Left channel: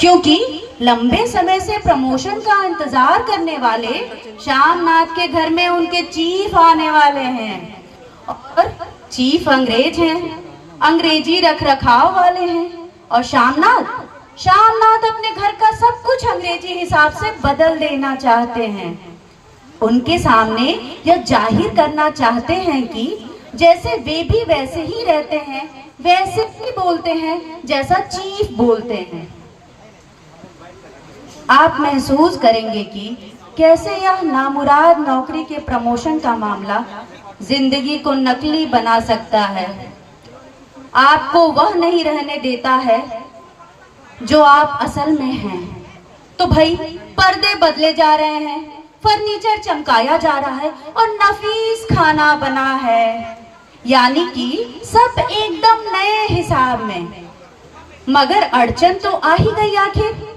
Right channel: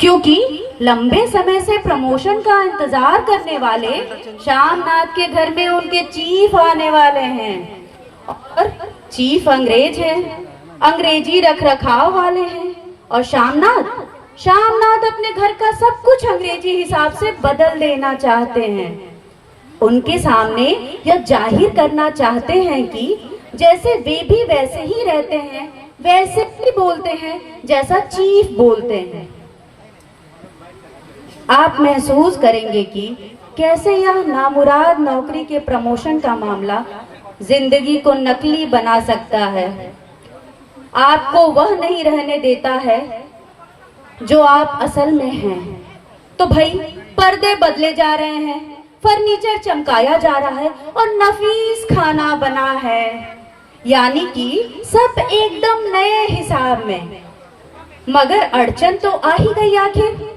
क्योंकि लंबे समय से प्रमोशन का इंतजार करने वाले श्यामनाथ के घर में उनके चीफ आने वाले हैं और चीफ अंग्रेज हैं, अंग्रेजी रख रखाव वाले हैं। और श्यामनाथ श्यामनाथ अपने घर का सब कुछ अंग्रेजी हिसाब से बदल देना चाहते हैं। उनके सामने यह जाहिर करना चाहते हैं कि जैसे वे भी वैसे ही रहते हैं, वैसे ही बोलते हैं जैसा चीफ बोलते हैं। आप महसूस करेंगे कि कैसे यह नामुराद नौकरी के प्रमोशन का मामला जिंदगी को नकली बना सकता है, आपको वह नहीं रहने देता है जो आप असल में हैं। तो भाई पर्दे बदले जा रहे हैं, फर्नीचर चमकाया जा रहा है और नफीस खाना बना है, यानी कि सब एकदम नए हिसाब में। मगर अड़चन तो आ ही गई आखिर।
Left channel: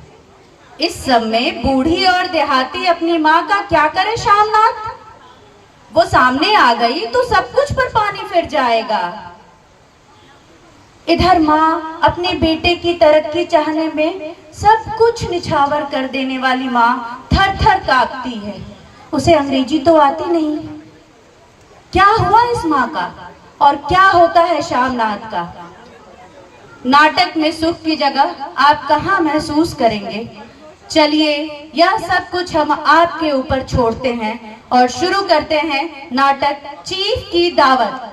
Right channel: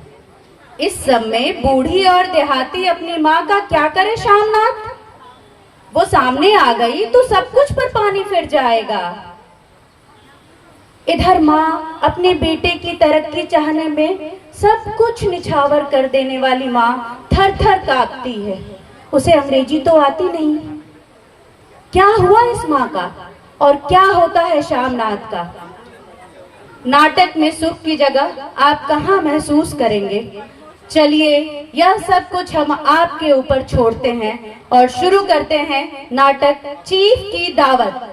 इस समय बूढ़ी और देहाती अपनी माँ का क्या करे श्यामनाथ? वो सामने आ गई तो सब कुछ पर पानी फिर जाएगा। इधर माँ अपने बेटे की तरक्की चाहने में सब कुछ निछावर कर देने वाली माँ थर थर कांपती है। उसे अंग्रेजी तो आती नहीं। क्या हुआ इस माँ का और क्या होता है श्यामनाथ का? नाटक में सुख की जगह आप कहाँ महसूस करेंगे? चलिए यह सब कुछ हम आपके ऊपर छोड़ते हैं और शुरू करते हैं नाटक चीफ की दावत।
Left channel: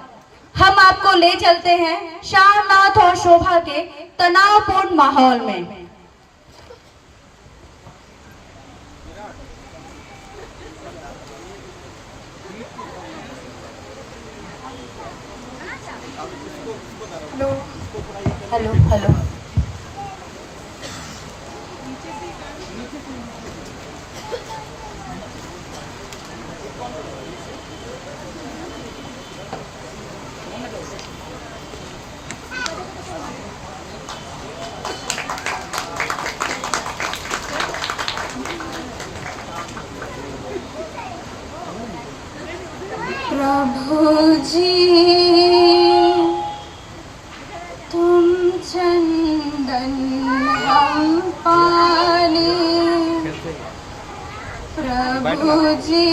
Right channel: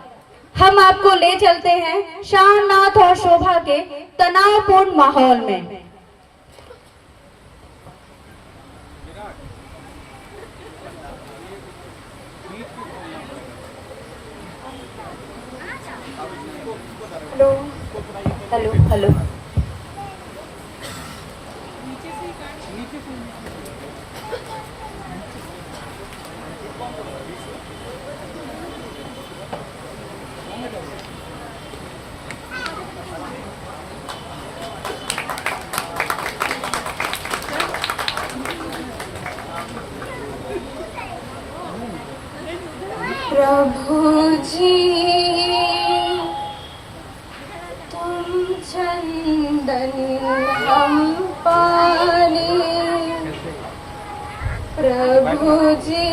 हम आपको ले चलते हैं श्यामनाथ और शोभा के तनावपूर्ण माहौल में। Hello hello hello. प्रभु जी तुम चंदन हम पानी, प्रभु जी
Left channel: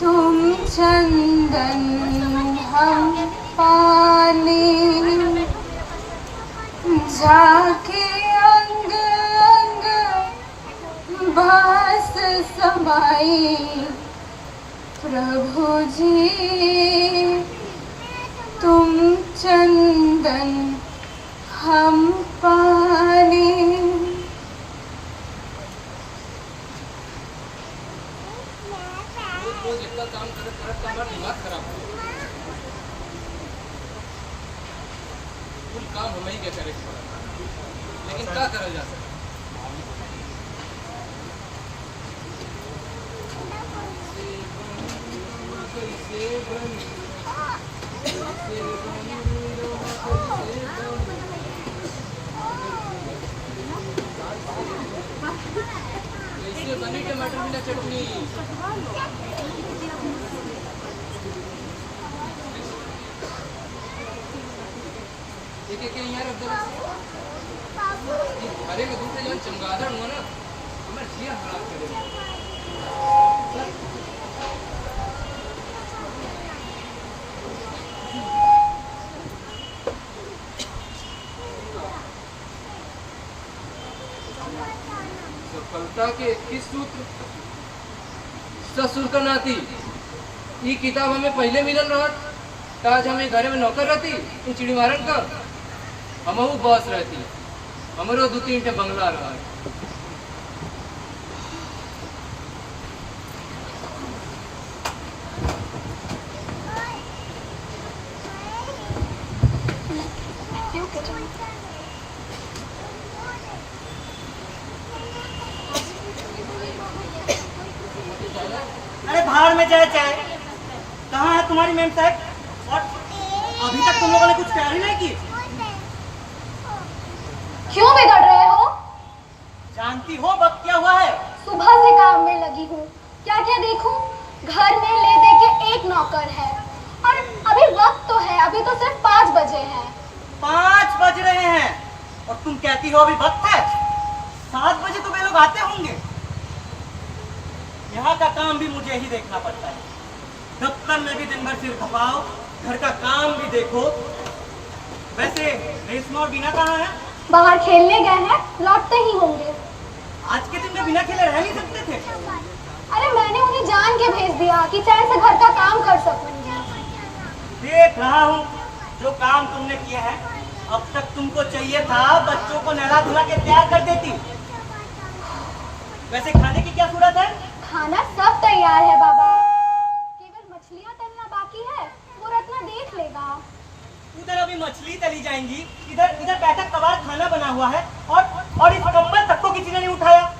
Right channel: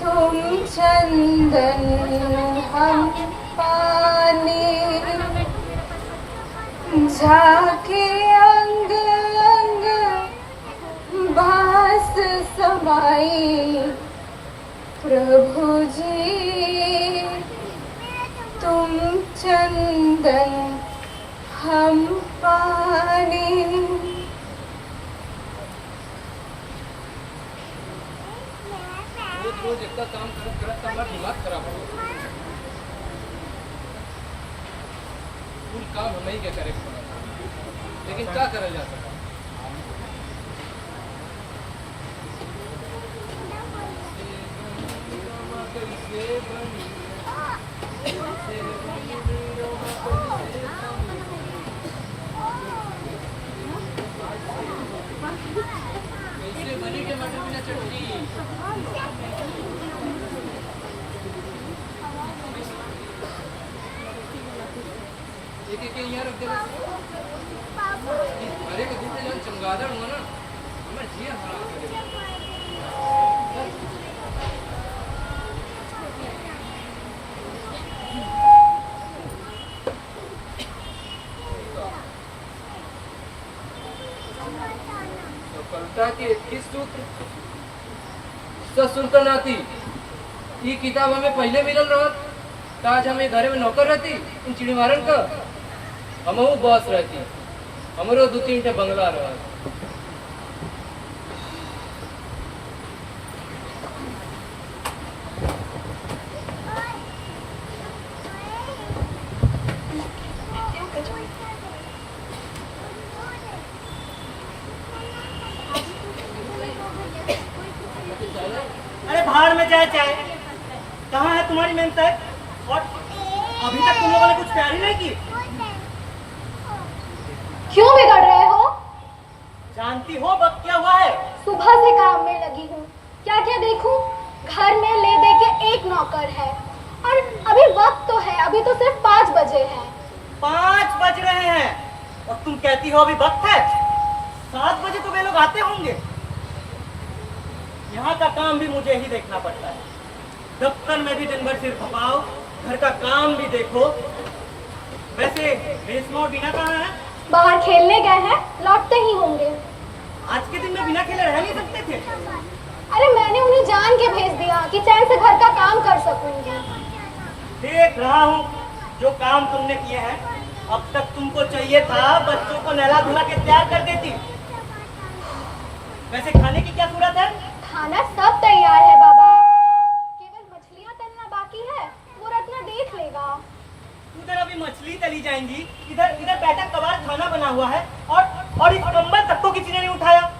तुम चंदन हम पानी, झाके अंग अंग बास समाई, प्रभु जी तुम चंदन हम पानी। रोज इतना काम करता हमारा दिमाग खराब हो। कुल काम हम ही क्या करें, लेकिन क्या करा जा सकता? बनी टमाटर बिना चटनी। एक एक यहाँ रख दो। अरे के दूसरे जो चमगादड़ हुआ ना, हमारे जिया खराब कर देगा। सफलता के 21 सूत्र सुनकर नाती ये किताब हमें पहले मिलल रहा, आज हमें घरे में नौकर रहती इन चिड़ी मारन का, हम बॉस रहती, हमारो 2-3 ठे बंगला रहा। अरे भाड़ में जाए चाहे, कहाँ है तुम्हारी मेम साहब? और अभी तक तुम लोगों ने कुछ तैयारी नहीं की? क्यों बिगड़ रहे हो? जानती हो वक्त क्या हुआ है? सुबह से काम में लगी हूँ, क्या क्या देखूं? घर में ले दे के एक नौकर है और अभी वक्त तो है, अभी तो सिर्फ 5 बजे हैं। 5 बज रहे हैं, और तुम कहती हो अभी वक्त है। 7 बजे तो वे लोग आते होंगे। यहाँ का काम भी मुझे ही देखना पड़ता है। दफ्तर में भी दिन भर सिर खपाओ, घर का काम भी देखो। वैसे रेशमा और बीना कहाँ है? बाहर खेलने गए हैं, लौटते ही होंगे। आज के दिन में बिना खेले रह नहीं सकते थे। अरे मैंने उन्हें जान के भेज दिया कि चैन से घर का काम कर सकूंगी। देख रहा हूँ जो काम तुमने किए हैं। अब तक तुमको चाहिए था बच्चों को नहला धुला के तैयार कर देती। वैसे खाने की क्या सूरत है? खाना सब तैयार है बाबा, केवल मछलियाँ तलना बाकी है, वो रत्ना देख लेगा। उधर अभी मछली तली जाएंगी, इधर इधर बैठक कबाड़ खाना बना हुआ है और इस कंबल तक को किसी ने नहीं उठाया।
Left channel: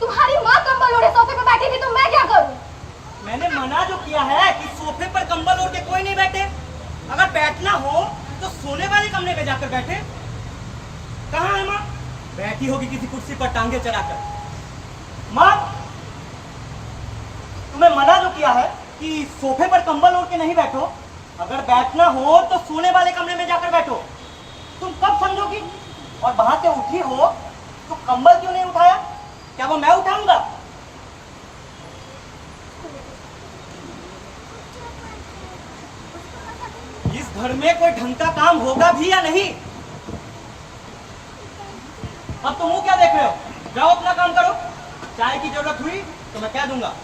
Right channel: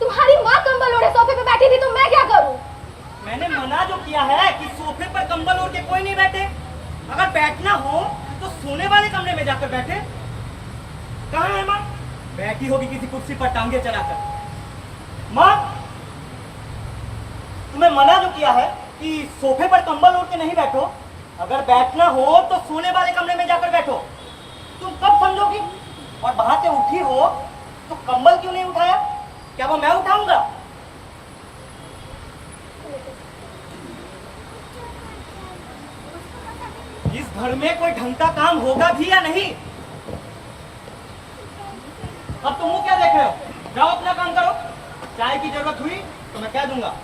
तुम्हारी माँ कंबल ओढ़े सोफे पे बैठी थी तो मैं क्या करूँ? मैंने मना जो किया है कि सोफे पर कंबल ओढ़ के कोई नहीं बैठे। अगर बैठना हो तो सोने वाले कमरे में जाकर बैठे। कहाँ है माँ? बैठी होगी किसी कुर्सी पर टांगे चढ़ाकर। माँ, तुम्हें मना जो किया है कि सोफे पर कंबल ओढ़ के नहीं बैठो। अगर बैठना हो तो सोने वाले कमरे में जाकर बैठो। तुम कब समझोगी? और वहां से उठी हो तो कंबल क्यों नहीं उठाया? क्या वो मैं उठाऊंगा? इस घर में कोई ढंग का काम होगा भी या नहीं? अब तुम क्या देख रहे हो? जाओ अपना काम करो। चाय की जरूरत हुई तो मैं क्या दूंगा।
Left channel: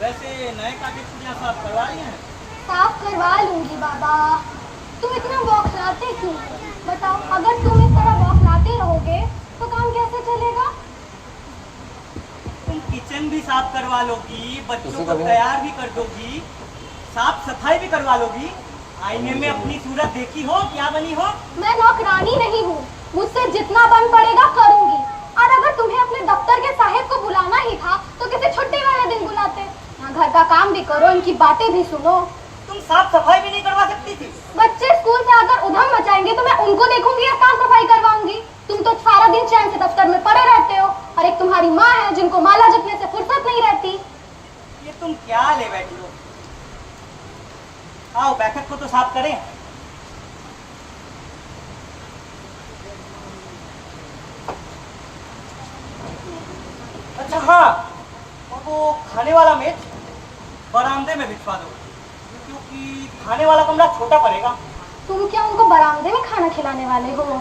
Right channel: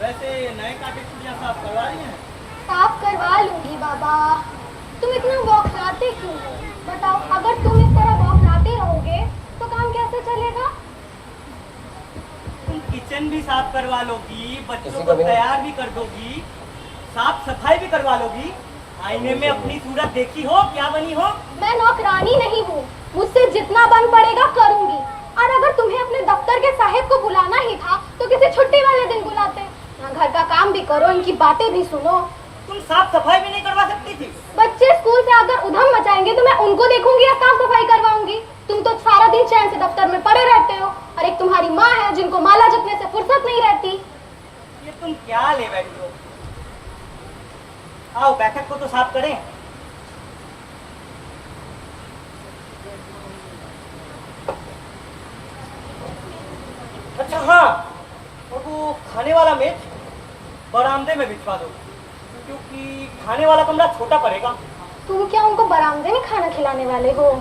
वैसे नए काटे चूड़ियां साफ करवा रही हैं? साफ करवा लूंगी बाबा। तुम इतना बौखलाते क्यों? बताओ, अगर तुम इस तरह बौखलाते रहोगे तो काम कैसे चलेगा? तुम किचन भी साफ करवा लोगी, बच्चों को तैयार भी कर दोगी, साफ सफाई भी करवा लोगी। आईने में अपनी सूरत देखी हो? क्या बनी हो? मैं नौकरानी नहीं हूँ, मुझसे जितना बन पड़ेगा करूंगी। और अगर तुम्हें अपने दफ्तर के साहिब को बुलाना ही था तो किसी छुट्टी वाले दिन बुलाते। यहाँ घर का काम भी करो, इनकी बातें भी सुनो। तुम साफ सफाई भी नहीं करवा सकती थी? बच्चे स्कूल से आकर उधम मचाएंगे तो मैं उनको देखूंगी या साफ सफाई करवाऊंगी? तुम तो सारा दिन चैन से दफ्तर में पड़े रहते हो और एक तुम्हारी माँ है जिनको माला जपने से फुर्सत नहीं रहती। ये तुम क्या ले बैठी हो? आओ बैठक को तो साफ करें। अच्छा हाँ, और वो खाने वाला मेज बरामदे में भिजवा दो, क्योंकि खाने वाला कमरा छोटा पड़ेगा। तुम क्या उनको बरामदे में खाना खिलाने वाले हो?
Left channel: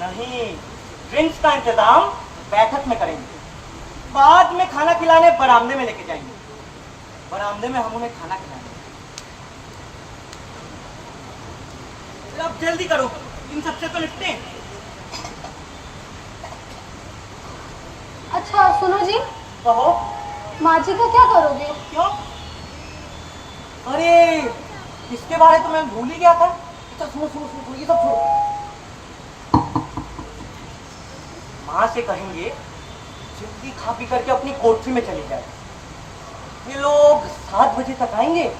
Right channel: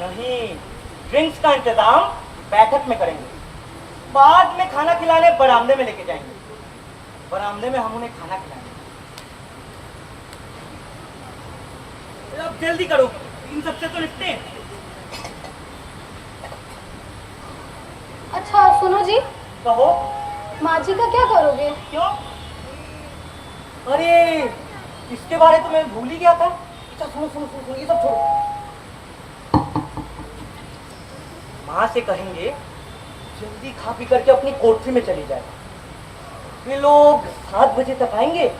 नहीं, ड्रिंक्स का इंतजाम बैठक में करेंगे। बाद में खाना खिलाने बरामदे में लेके जाएंगे। बरामदे में हम उन्हें खाना खिलाएंगे। अब जल्दी करो, इन सबसे तो निपटे। अच्छा सुनो जी, कहो। माँ जी का क्या करोगे? क्यों? अरे इसके बारे में मैं भूल ही गया था। अच्छा सुनो सुनो सुनो सुनो, ये सब छोड़ो। माँ से कहेंगे जल्दी खा पी करके अपनी कोठरी में चली जाए। ये लोग 7 बजे तक आएंगे।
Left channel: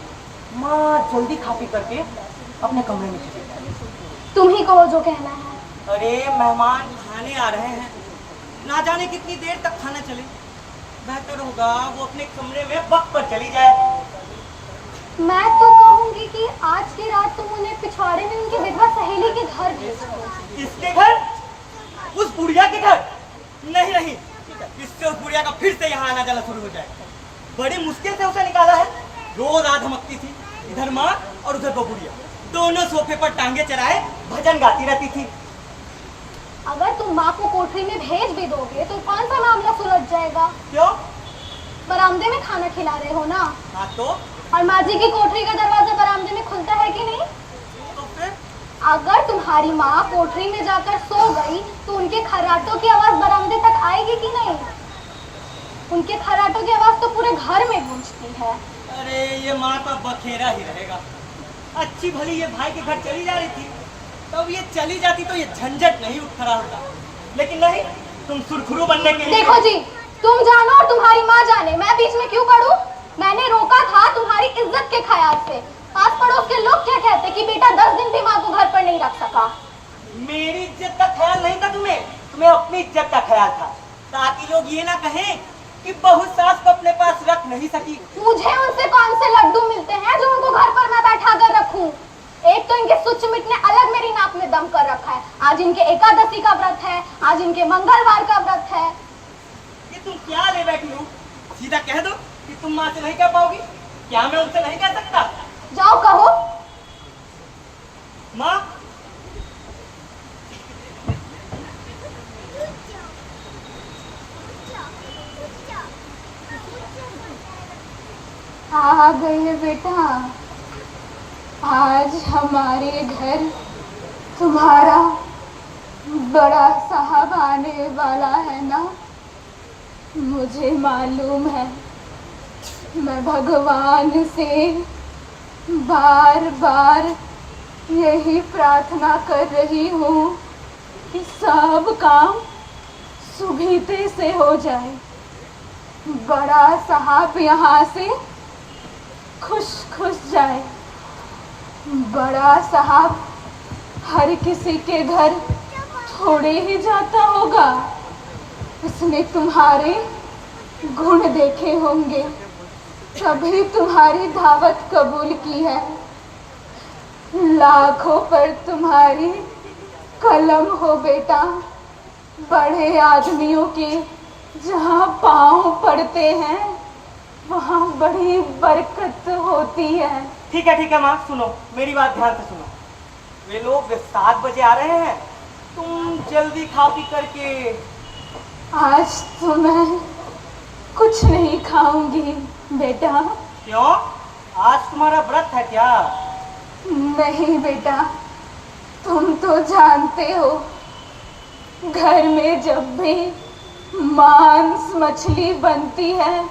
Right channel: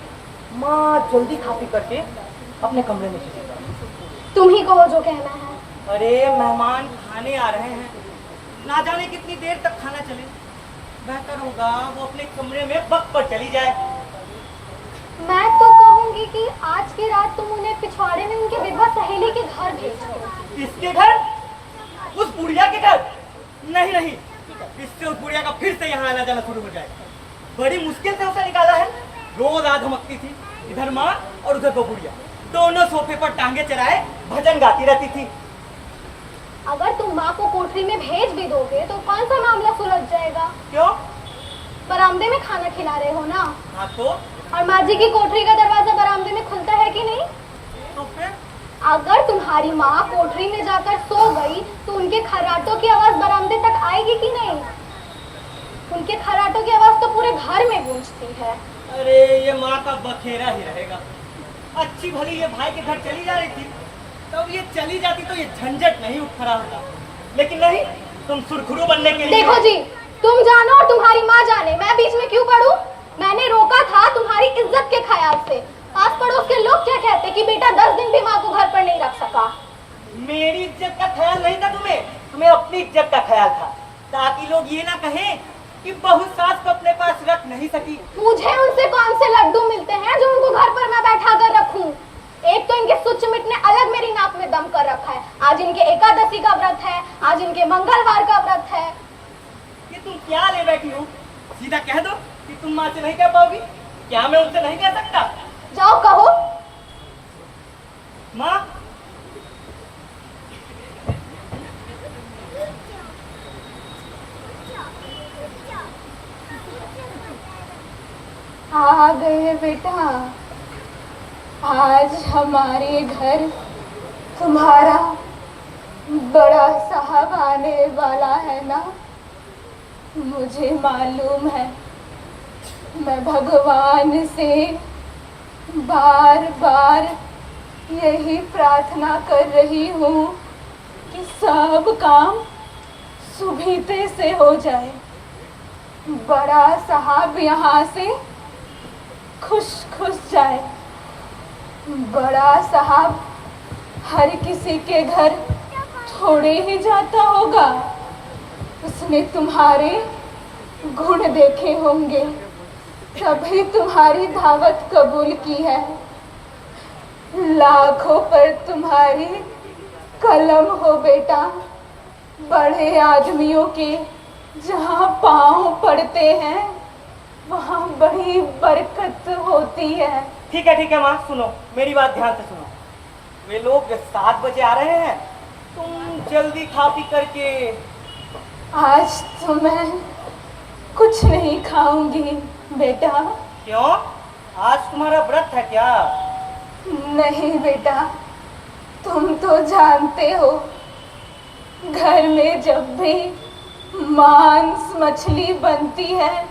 माँ जल्दी खा पी करके अपने कमरे में चली जाए। तुम ही कहो जो कहना है। अरे मेहमान खाने आ रहे हैं, ना जाने कितनी देर तक खाना चले। बेहतर होगा वो अपने कमरे में वक्त पर चली जाए। मैं तो कहूंगी कि आज की रात तुम उन्हें पिछवाड़े में उनकी विधवा सहेली के घर भेजो। किसके घर? उस बुढ़िया के घर? नहीं नहीं, इससे उस बुढ़िया का फिर से यहाँ आना जाना शुरू हो जाए। बड़ी मुश्किल से उसे निकाला है। रोज रात धमकती थी, इधर माँ और उधर वो बुढ़िया, दोनों सोफे पर टांगे चढ़ाए भजन गाती रहती थी। अगर तुम माँ को कोठरी में भेज भी दोगे तो कौन सा मामला सुलझ जाएगा? क्यों? बरामदे में खाना खिला रहे हो ना। हाँ तो? और माँ जी की कोठरी का दरवाजा बरामदे में खुलता है कि नहीं? तो फिर? अगर तुम्हारी माँ कोठरी में जाकर सो गई तो उनके खर्राटों की आवाज बरामदे तक आएगी कि नहीं? उनके खर्राटों की आवाज तो पूरे घर में गूंजती है। अरे ये माँ का बखेरा ही रहेगा। अच्छी भली ये भाई के घर चली जा रही थी, तब ये चली जाती तो ये झंझट नहीं उठ खड़ा होता। लेकिन नहीं, तुम सुरखुरू बनने के लिए। देखो जी, तुम जानो और तुम्हारी माँ जाने, मैं बीच में क्यों पड़ूं? मैंने रोका था तुम्हारी इज्जत के ख्याल से। आस पड़ोस के लोग क्या कहते कि बेटा 10 दिन भी माँ को घर पर नहीं रख सका। मेरी इज्जत का ख्याल नहीं था तुम्हें अपनी इज्जत का ख्याल था, ताकि लोग ये ना कहें कि बहू सास को अपने पास रख नहीं सकी। मुझे उनसे कौन से लड्डू मिलते हैं जो उनको घर पर मैं बैठा कर रखूं? एक तो इनके सुच-मिट ने अलग मेरी नाप में दम कर रखा है। आज इनके एकादशी का व्रत है, आज इनके मंगलवार का व्रत है। ये तुम क्या ले बैठी हो? सीधा कह दो कि तुम माँ से नहीं कह पाओगी। क्या मैं उनसे नहीं कह सकता? जाओ कहो। माँ, आ गए बेटा। आज हमारे घर तुम्हारा बड़ा साहब आने वाला है ना? मुझे मालूम है। मैं भगवान से बार बार यही प्रार्थना कर रही हूँ कि सब काम सुबीते से हो जाए। बड़ा साहब यहाँ से खुश खुश जाए। बड़ा साहब हर किसी के घर थोड़े ही जाता होगा। उसने तुम्हारे गुण देखे होंगे, तभी तुम्हारी दावत कबूल की है। लाखों पर तुम्हारी कलम हो बेटा। बड़े आदमियों के जहाँ पाँव पड़ते हैं वहाँ बड़ी बरकत होती है। ठीक है माँ, सुनो मेरी बात ध्यान से सुनो। वे लोग 7 बजे आ रहे हैं, तुम जल्दी खा पी करके। आज तो मैं कुछ नहीं खाऊंगी बेटा। क्यों? आज तुम्हारा व्रत है क्या? नहीं बेटा, तुम तो जानते हो घर में जब भी मांस मछली बनती है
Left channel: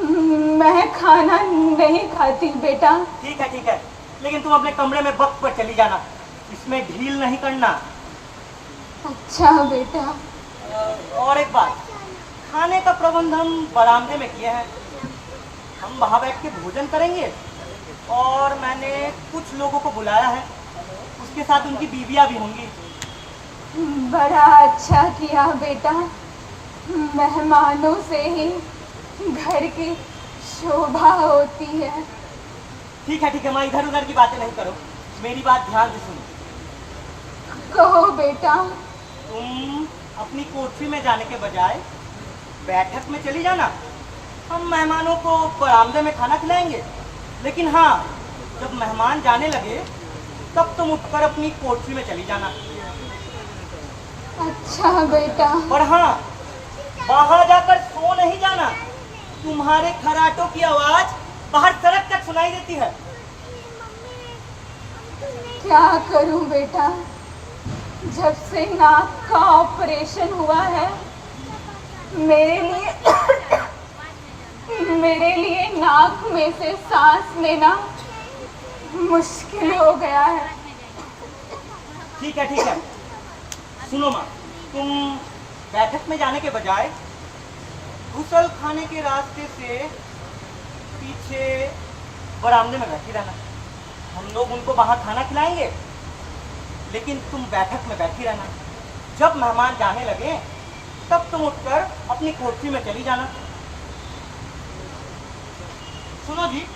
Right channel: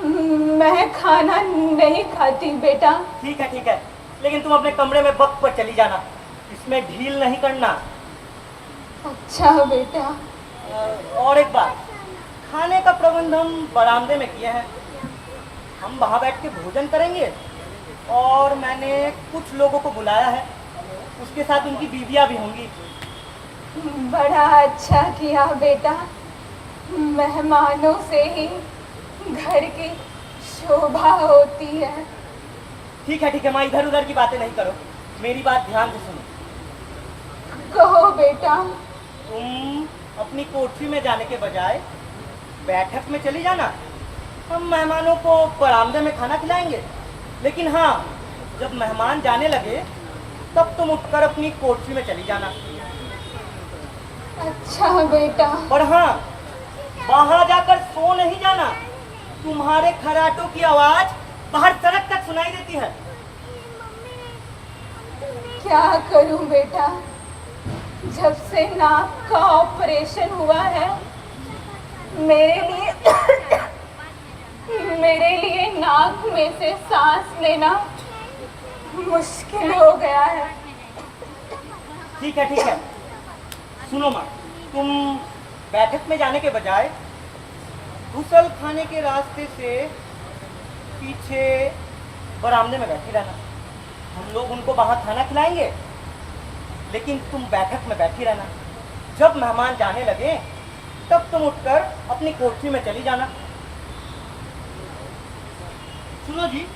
मैं खाना नहीं खाती बेटा। ठीक है, लेकिन तुम अपने कमरे में वक्त पर चली जाना, इसमें ढील नहीं करना। अच्छा बेटा। और एक बात, खाने का प्रबंध हम बरामदे में किए हैं, हम वहाँ बैठ के भोजन करेंगे। और मैंने कुछ लोगों को बुलाया है, उसके साथ उनकी बीवियाँ भी होंगी। बड़ा अच्छा किया बेटा। मेहमानों से ही घर की शोभा होती है। ठीक है माँ, इधर उधर की बातें नहीं करो, मेरी बात ध्यान से सुनो। कहो बेटा। तुम अपनी कोठरी में जाने के बजाय बैठक में चली जाना। हम मेहमानों को बरामदे में खाना खिलाएंगे, लेकिन हाँ, जब मेहमान जाने लगे तब तुम उठकर अपनी कोठरी में चली जाना। अच्छा बेटा। और हाँ, बाहर जाकर सो नहीं जाना, तुम्हारे खराटों की आवाज बाहर सड़क तक सुनाई देती है। क्या करूं बेटा, जब से नाक का ऑपरेशन हुआ है मेरे लिए नाक में से सांस लेना मुश्किल हो गया है। ठीक है, सुनो माँ, तुम बैठक में जाने के बजाय गुसल खाने के रास्ते से पीछे बरामदे में बैठी रहना। हम लोग उनको बाहर खाना खिलाएंगे, लेकिन तुम बैठक में बैठी रहना। जब मेहमान जाने लगे तब तुम उठकर अपनी कोठरी में चली जाना। सुनो जी,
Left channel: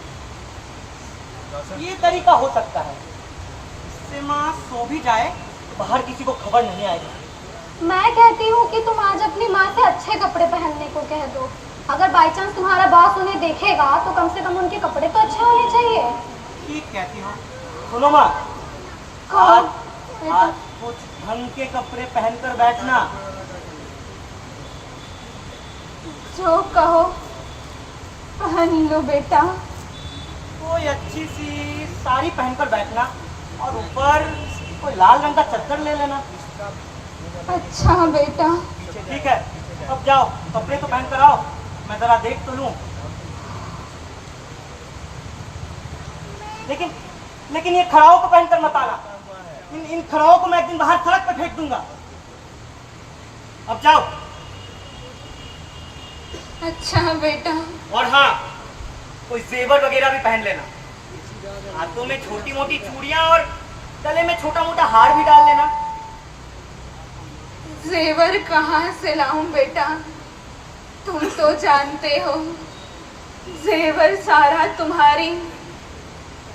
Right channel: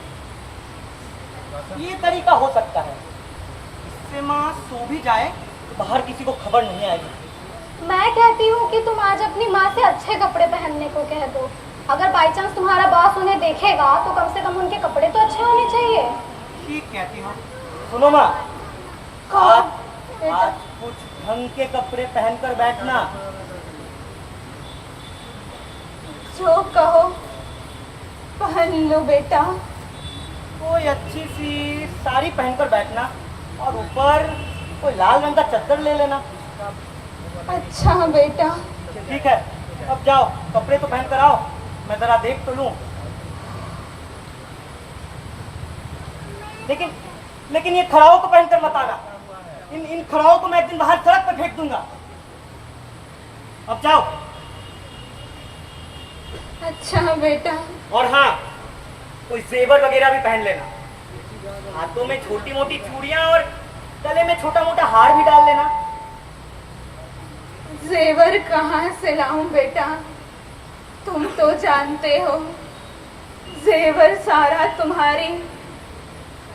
ये तरीका हो सकता है, इससे माँ सो भी जाए, बाहर किसी को खबर नहीं आएगी। मैं कहती हूँ कि तुम आज अपनी माँ से अच्छे कपड़े पहनने को कह दो। अगर बाई चांस तुम्हारा बॉस उन्हें देखेगा तो कम से कम उनके कपड़े तो अच्छे होने चाहिए। ठीक कहती हो। सुनो माँ, आज कुछ ढंग के कपड़े पहनकर बैठना। जो कहो पहन लो बेटा। कोई अच्छी सी साड़ी पहनकर बैठना और ऊपर कोई लाल रंग का चद्दर ले लेना। अच्छा बेटा। ठीक है, अब जाओ कपड़े तो पहन कर आओ, मैं जरा देख तो लूं। लेकिन ये खड़ाओं को पहनकर मत आना। इन खड़ाओं को मैं एक दिन बाहर सड़क पर फेंक दूंगा। अब जाओ। अच्छा बेटा। और हाँ, कोई जेवर वगैरह भी पहन लेना। हाथों में छोटी मोटी चूड़ियां और गले में छोटा मोटा हार भी डाल लेना। जेवर कहाँ से लाऊं बेटा? तुम तो जानते हो जेवर सारा तुम्हारी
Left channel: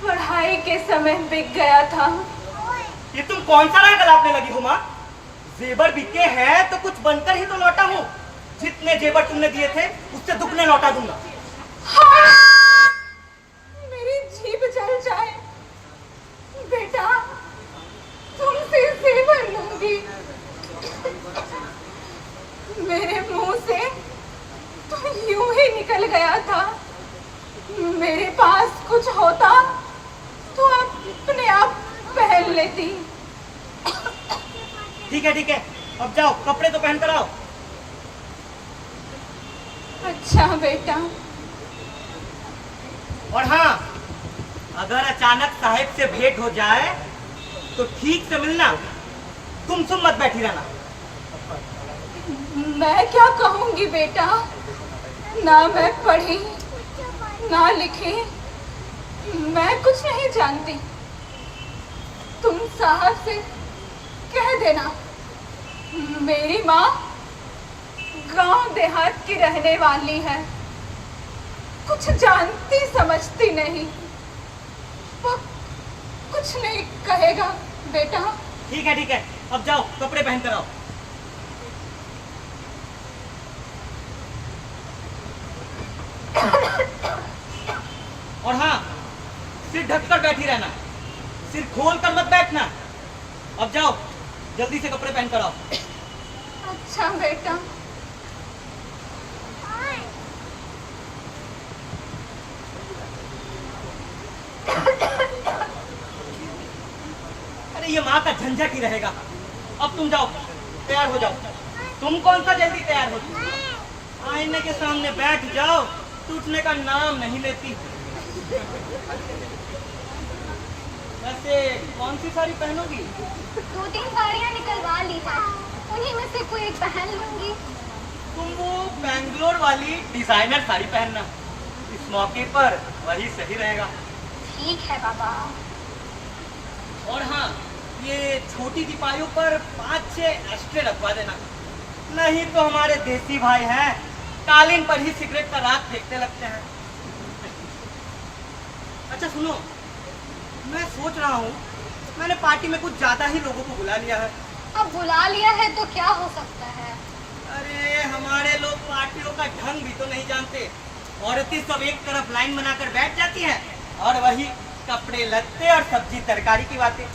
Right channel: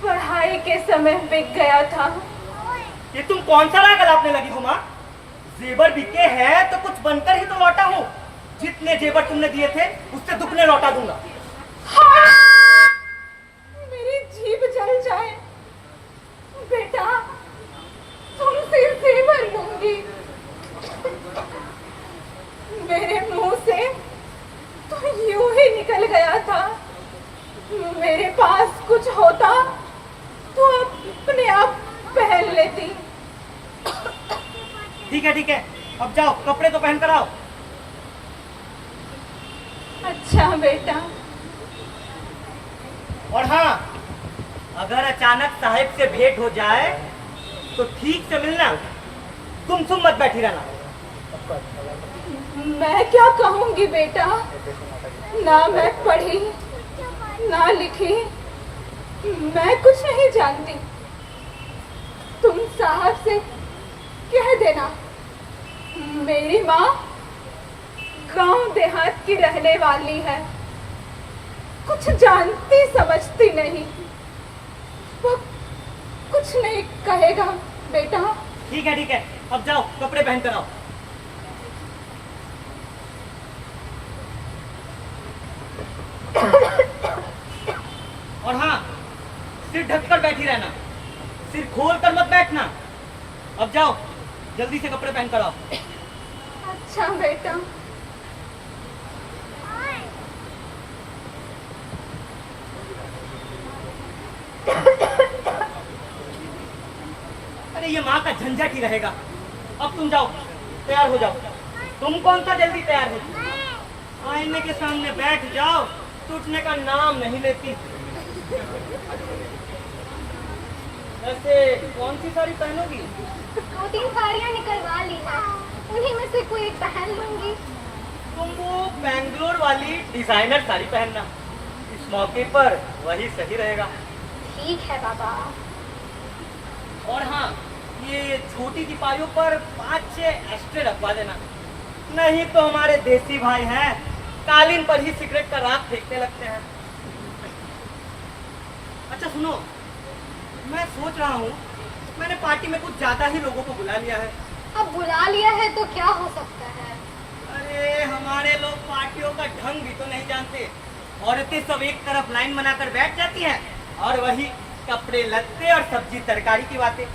पढ़ाई के समय बिक गया था। ये तुम कौन सा राग गलापने लगी हो माँ? जेवर बिके हैं तो कुछ बनकर ही तो लौटा हूँ। जितने जेवर तुमने दिए थे उससे दुगने लौटा दूंगा। हाँ, मेरी जीभ जल जाए बेटा, तुमसे जेवर लूंगी। मेरे मुंह से तो यूं ही निकल गया था। मेरे पास कुछ होता तो अपने आप पहन लेती। ठीक है, अब जाओ कपड़े तो पहन कर आओ। अच्छा बेटा। और हाँ, अगर अचानक साहिब से भेंट हो जाए तो ठीक से मिलना, गुमसुम मत बैठी रहना। मैं क्या कहूंगी बेटा, ना मैं पढ़ी ना लिखी, मैं कुछ नहीं जानती। तुम साहब से कह देना मेरी माँ गांव देहात की रहने वाली है, कुछ जानती समझती नहीं, वो कुछ नहीं कहेगा बेटा। ठीक है, अब जाओ कपड़े पहन कर आओ। और हाँ, सिर ढककर बैठी रहना, सिर खोल कर मत बैठना। अब जाओ जल्दी से कपड़े पहन कर आओ। अच्छा बेटा। अरे ये माँ का झंझट ही रहेगा। अब तुम जाओ, तैयार हो जाओ। तुम कौन सा जल्दी तैयार हो? आईने के सामने बैठ जाओ, टूटने का नाम नहीं लेती। वैसे कौन सी साड़ी पहनोगी? 2-3 साड़ियाँ निकलवा ली है, उन्हीं में से कोई एक पहन लूंगी। तुम वो बैंगलोर वाली डिजाइनर साड़ी पहनना, इस मौके पर वही सही रहेगा। ठीक है बाबा। और हाँ, ये छोटी दीपारियों पर 5-6 एक्स्ट्रे रखवा देना, नहीं तो हमारे देसी भाई हैं, कालीन पर ही सिगरेट का राख फेंकने लगते हैं। अच्छा सुनो, मैं सोच रहा हूँ मैंने पार्टी में कुछ ज्यादा ही लोगों को बुला लिया है। अब बुला लिया है तो क्या हो सकता है? अरे हमारे लोग पार्टियों का ढंग भी तो नहीं जानते। औरतें सब एक तरफ लाइन बनाकर बैठ जाती हैं और वही कपड़े लत्ते और सब्जी तरकारी की बातें।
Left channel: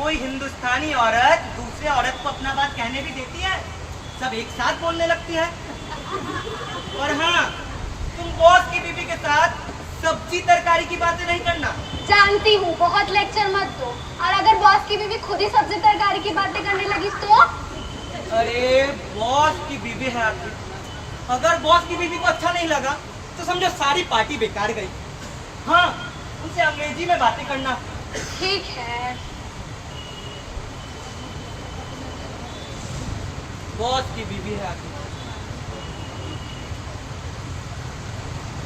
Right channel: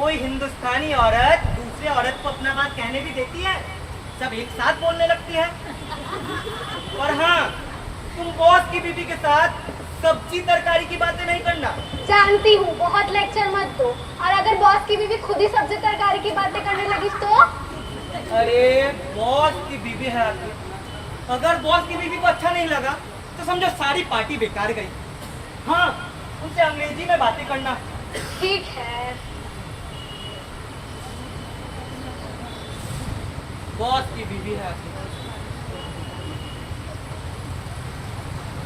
कोई हिंदुस्तानी औरत दूसरे औरत को अपना बात कहने भी देती है, सब एक साथ बोलने लगती है। और हाँ, तुम बॉस की बीबी के साथ सब्जी तरकारी की बातें नहीं करना। जानती हूँ, बहुत लेक्चर मत दो। और अगर बॉस की बीवी खुद ही सब्जी तरकारी की बातें करने लगी तो? अरे बॉस की बीवी है आपकी, अगर बॉस की बीवी को अच्छा नहीं लगा तो समझो सारी पार्टी बेकार गई। हाँ, उनसे अंग्रेजी में बातें करना। ठीक है। बॉस की बीवी है आपकी।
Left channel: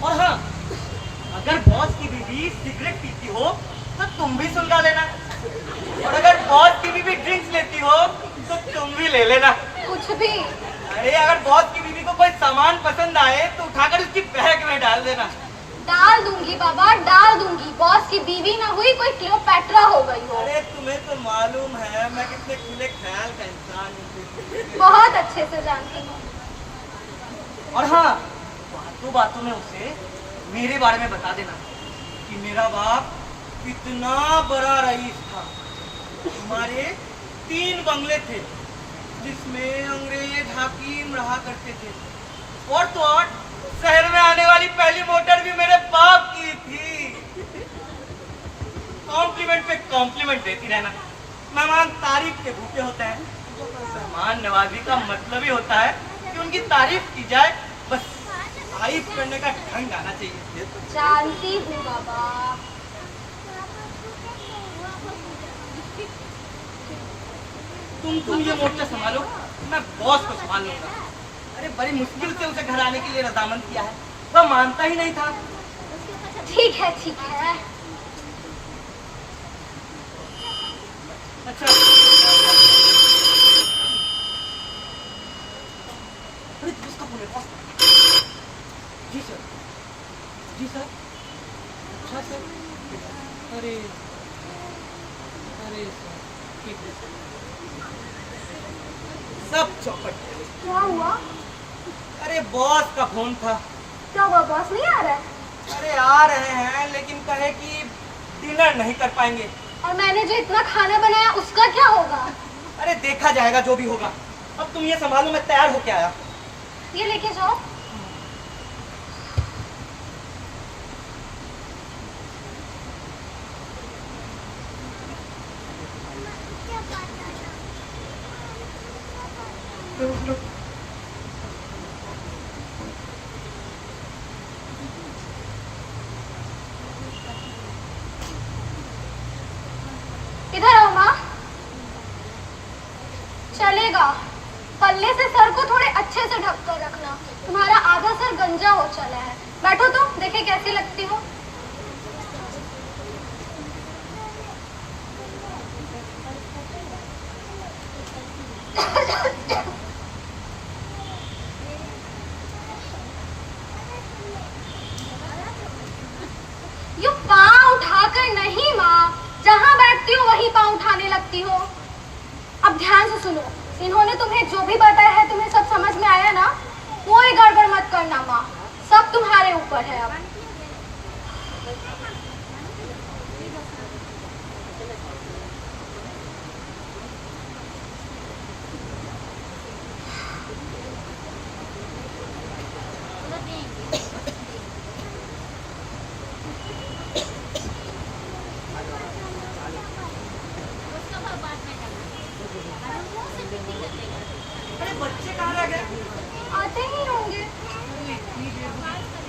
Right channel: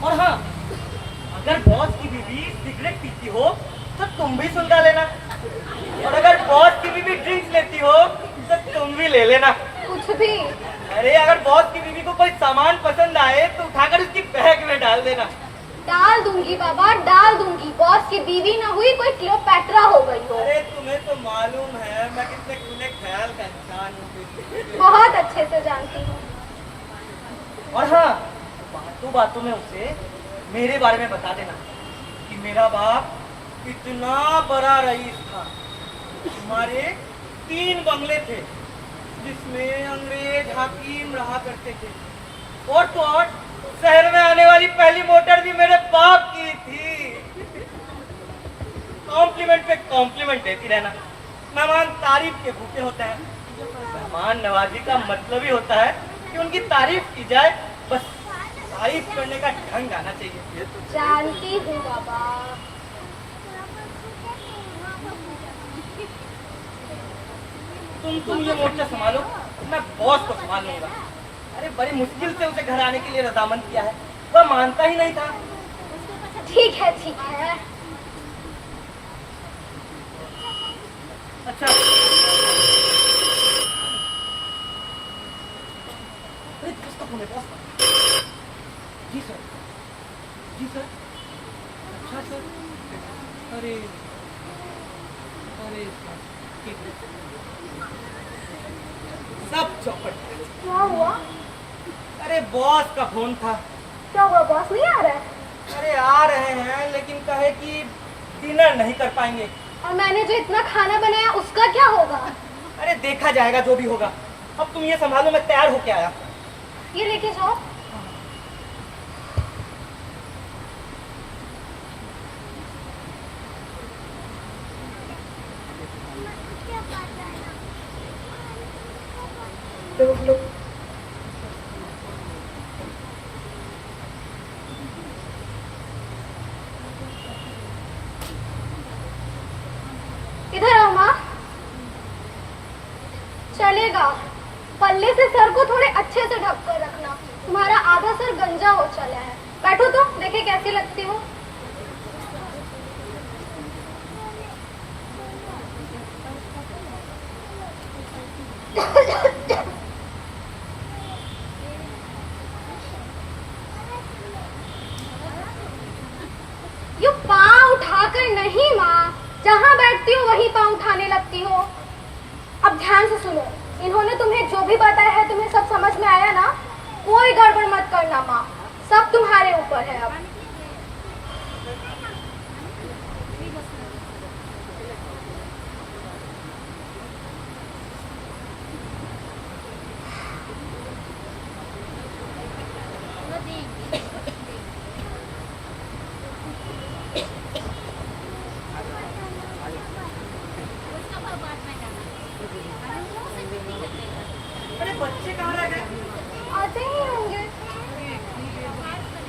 और हाँ, अगर बॉस की बीवी सिगरेट पीती हो तो तुम भी सुलगा लेना, और अगर बॉस की बीवी ड्रिंक्स लेती हो तो तुम भी ले लेना। कुछ भी? अरे अगर बॉस की बीवी को कोई सामान पसंद आए तो उठाकर उसकी बैग में डाल देना। डाल दूंगी बाबा, डाल दूंगी। बॉस की बीवी ना हुई कोई क्लियोपैट्रा हो गई हो। अरे तुम्हें तो मालूम है मैं कितने खुले ख्याल का इंसान हूँ। बहुत अच्छे से जानती हूँ। और हाँ, बातों बातों में उसे मेरे बारे में बता देना कि मेरा बाप कितना बड़ा रईस था। हमारे 3 बंगले थे जिसमें अंग्रेज हाकिम रहा करते थे, और तो और शहर में आने वाली पहली मोटर भी मेरे बाप की थी। कॉम्प्लीमेंट पे कॉम्प्लीमेंट देती रहना। मेहमान तारीफ के भूखे होते हैं। मेहमान नवाजी का मतलब ही होता है कि उनकी तारीफ की जाए, बस तारीफ करने का ढंग आना चाहिए। जानती हूँ बाबा। तुम ये मोर्चा संभालो, मैं बॉस को संभाल लूंगा। अरे बड़ी मुश्किल से उसे घर आने के लिए रजामंद किया है, वह मानता ही नहीं था। ठीक है, ठीक है। अच्छा, अरे किसका फोन है बॉस? जी सर, जी सर। अच्छा सर। अरे अरे सर, ठीक है। सब चौपट। क्या हुआ? अरे बॉस का फोन था। क्या हुआ, बॉस नहीं आ रहा है? अरे आ रहे हैं, लेकिन कहे कि डिनर नहीं कर पाएंगे। और मैंने जो इतना खाना बनाया उसका क्या होगा? अरे देखा जाएगा जो भी होगा। अब तुम ये संभालो, मैं तैयार होके आया। ये लेके जाओ। इधर आओ माँ। चलेगा, पल्ले से सर को थोड़े अच्छे से ढक कर रखना। तुम्हारा आधा सर गंजा हो चला है। बैठो तो, देखे कैसी लगती हो। यू पाँव उठाकर नहीं माँ, जहाँ बैठती हो वहीं पाँव उठाने लगती हो। अब ध्यान से सुनो, इन्होंने तुम्हें जो भी बताया है तुम्हें सब समझ में आया ना? कोई गड़बड़ मत करना माँ, सब तुम्हारे ऊपर है अब। अरे बच्चे कहाँ रह गए? आते ही होंगे।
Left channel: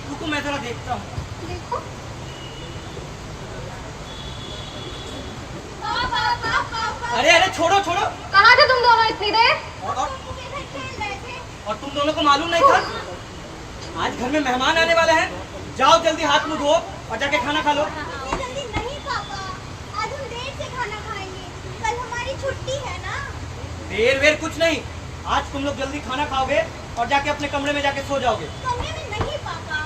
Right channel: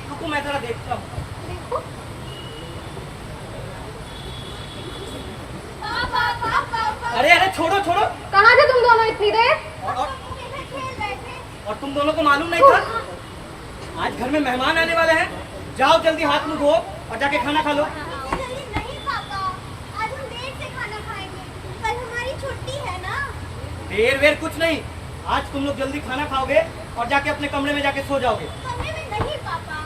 रुको, मैं थोड़ा देखता हूँ। देखो। अरे अरे छोड़ो छोड़ो। कहाँ थे तुम दोनों इतनी देर? और तुम दोनों को मालूम नहीं था? आज घर में मेहमान आने वाले हैं। जाओ जल्दी हाथ मुंह धो और जाके खाना खा लो। नहीं पापा, आज हम देर से खाना खाएंगे। कल हमारी छुट्टी है ना। देर वेर कुछ नहीं, आज तुम लोग जल्दी खाना खाओगे और जाके अपने कमरे में जाके सो जाओगे। कमरे में नहीं पापा,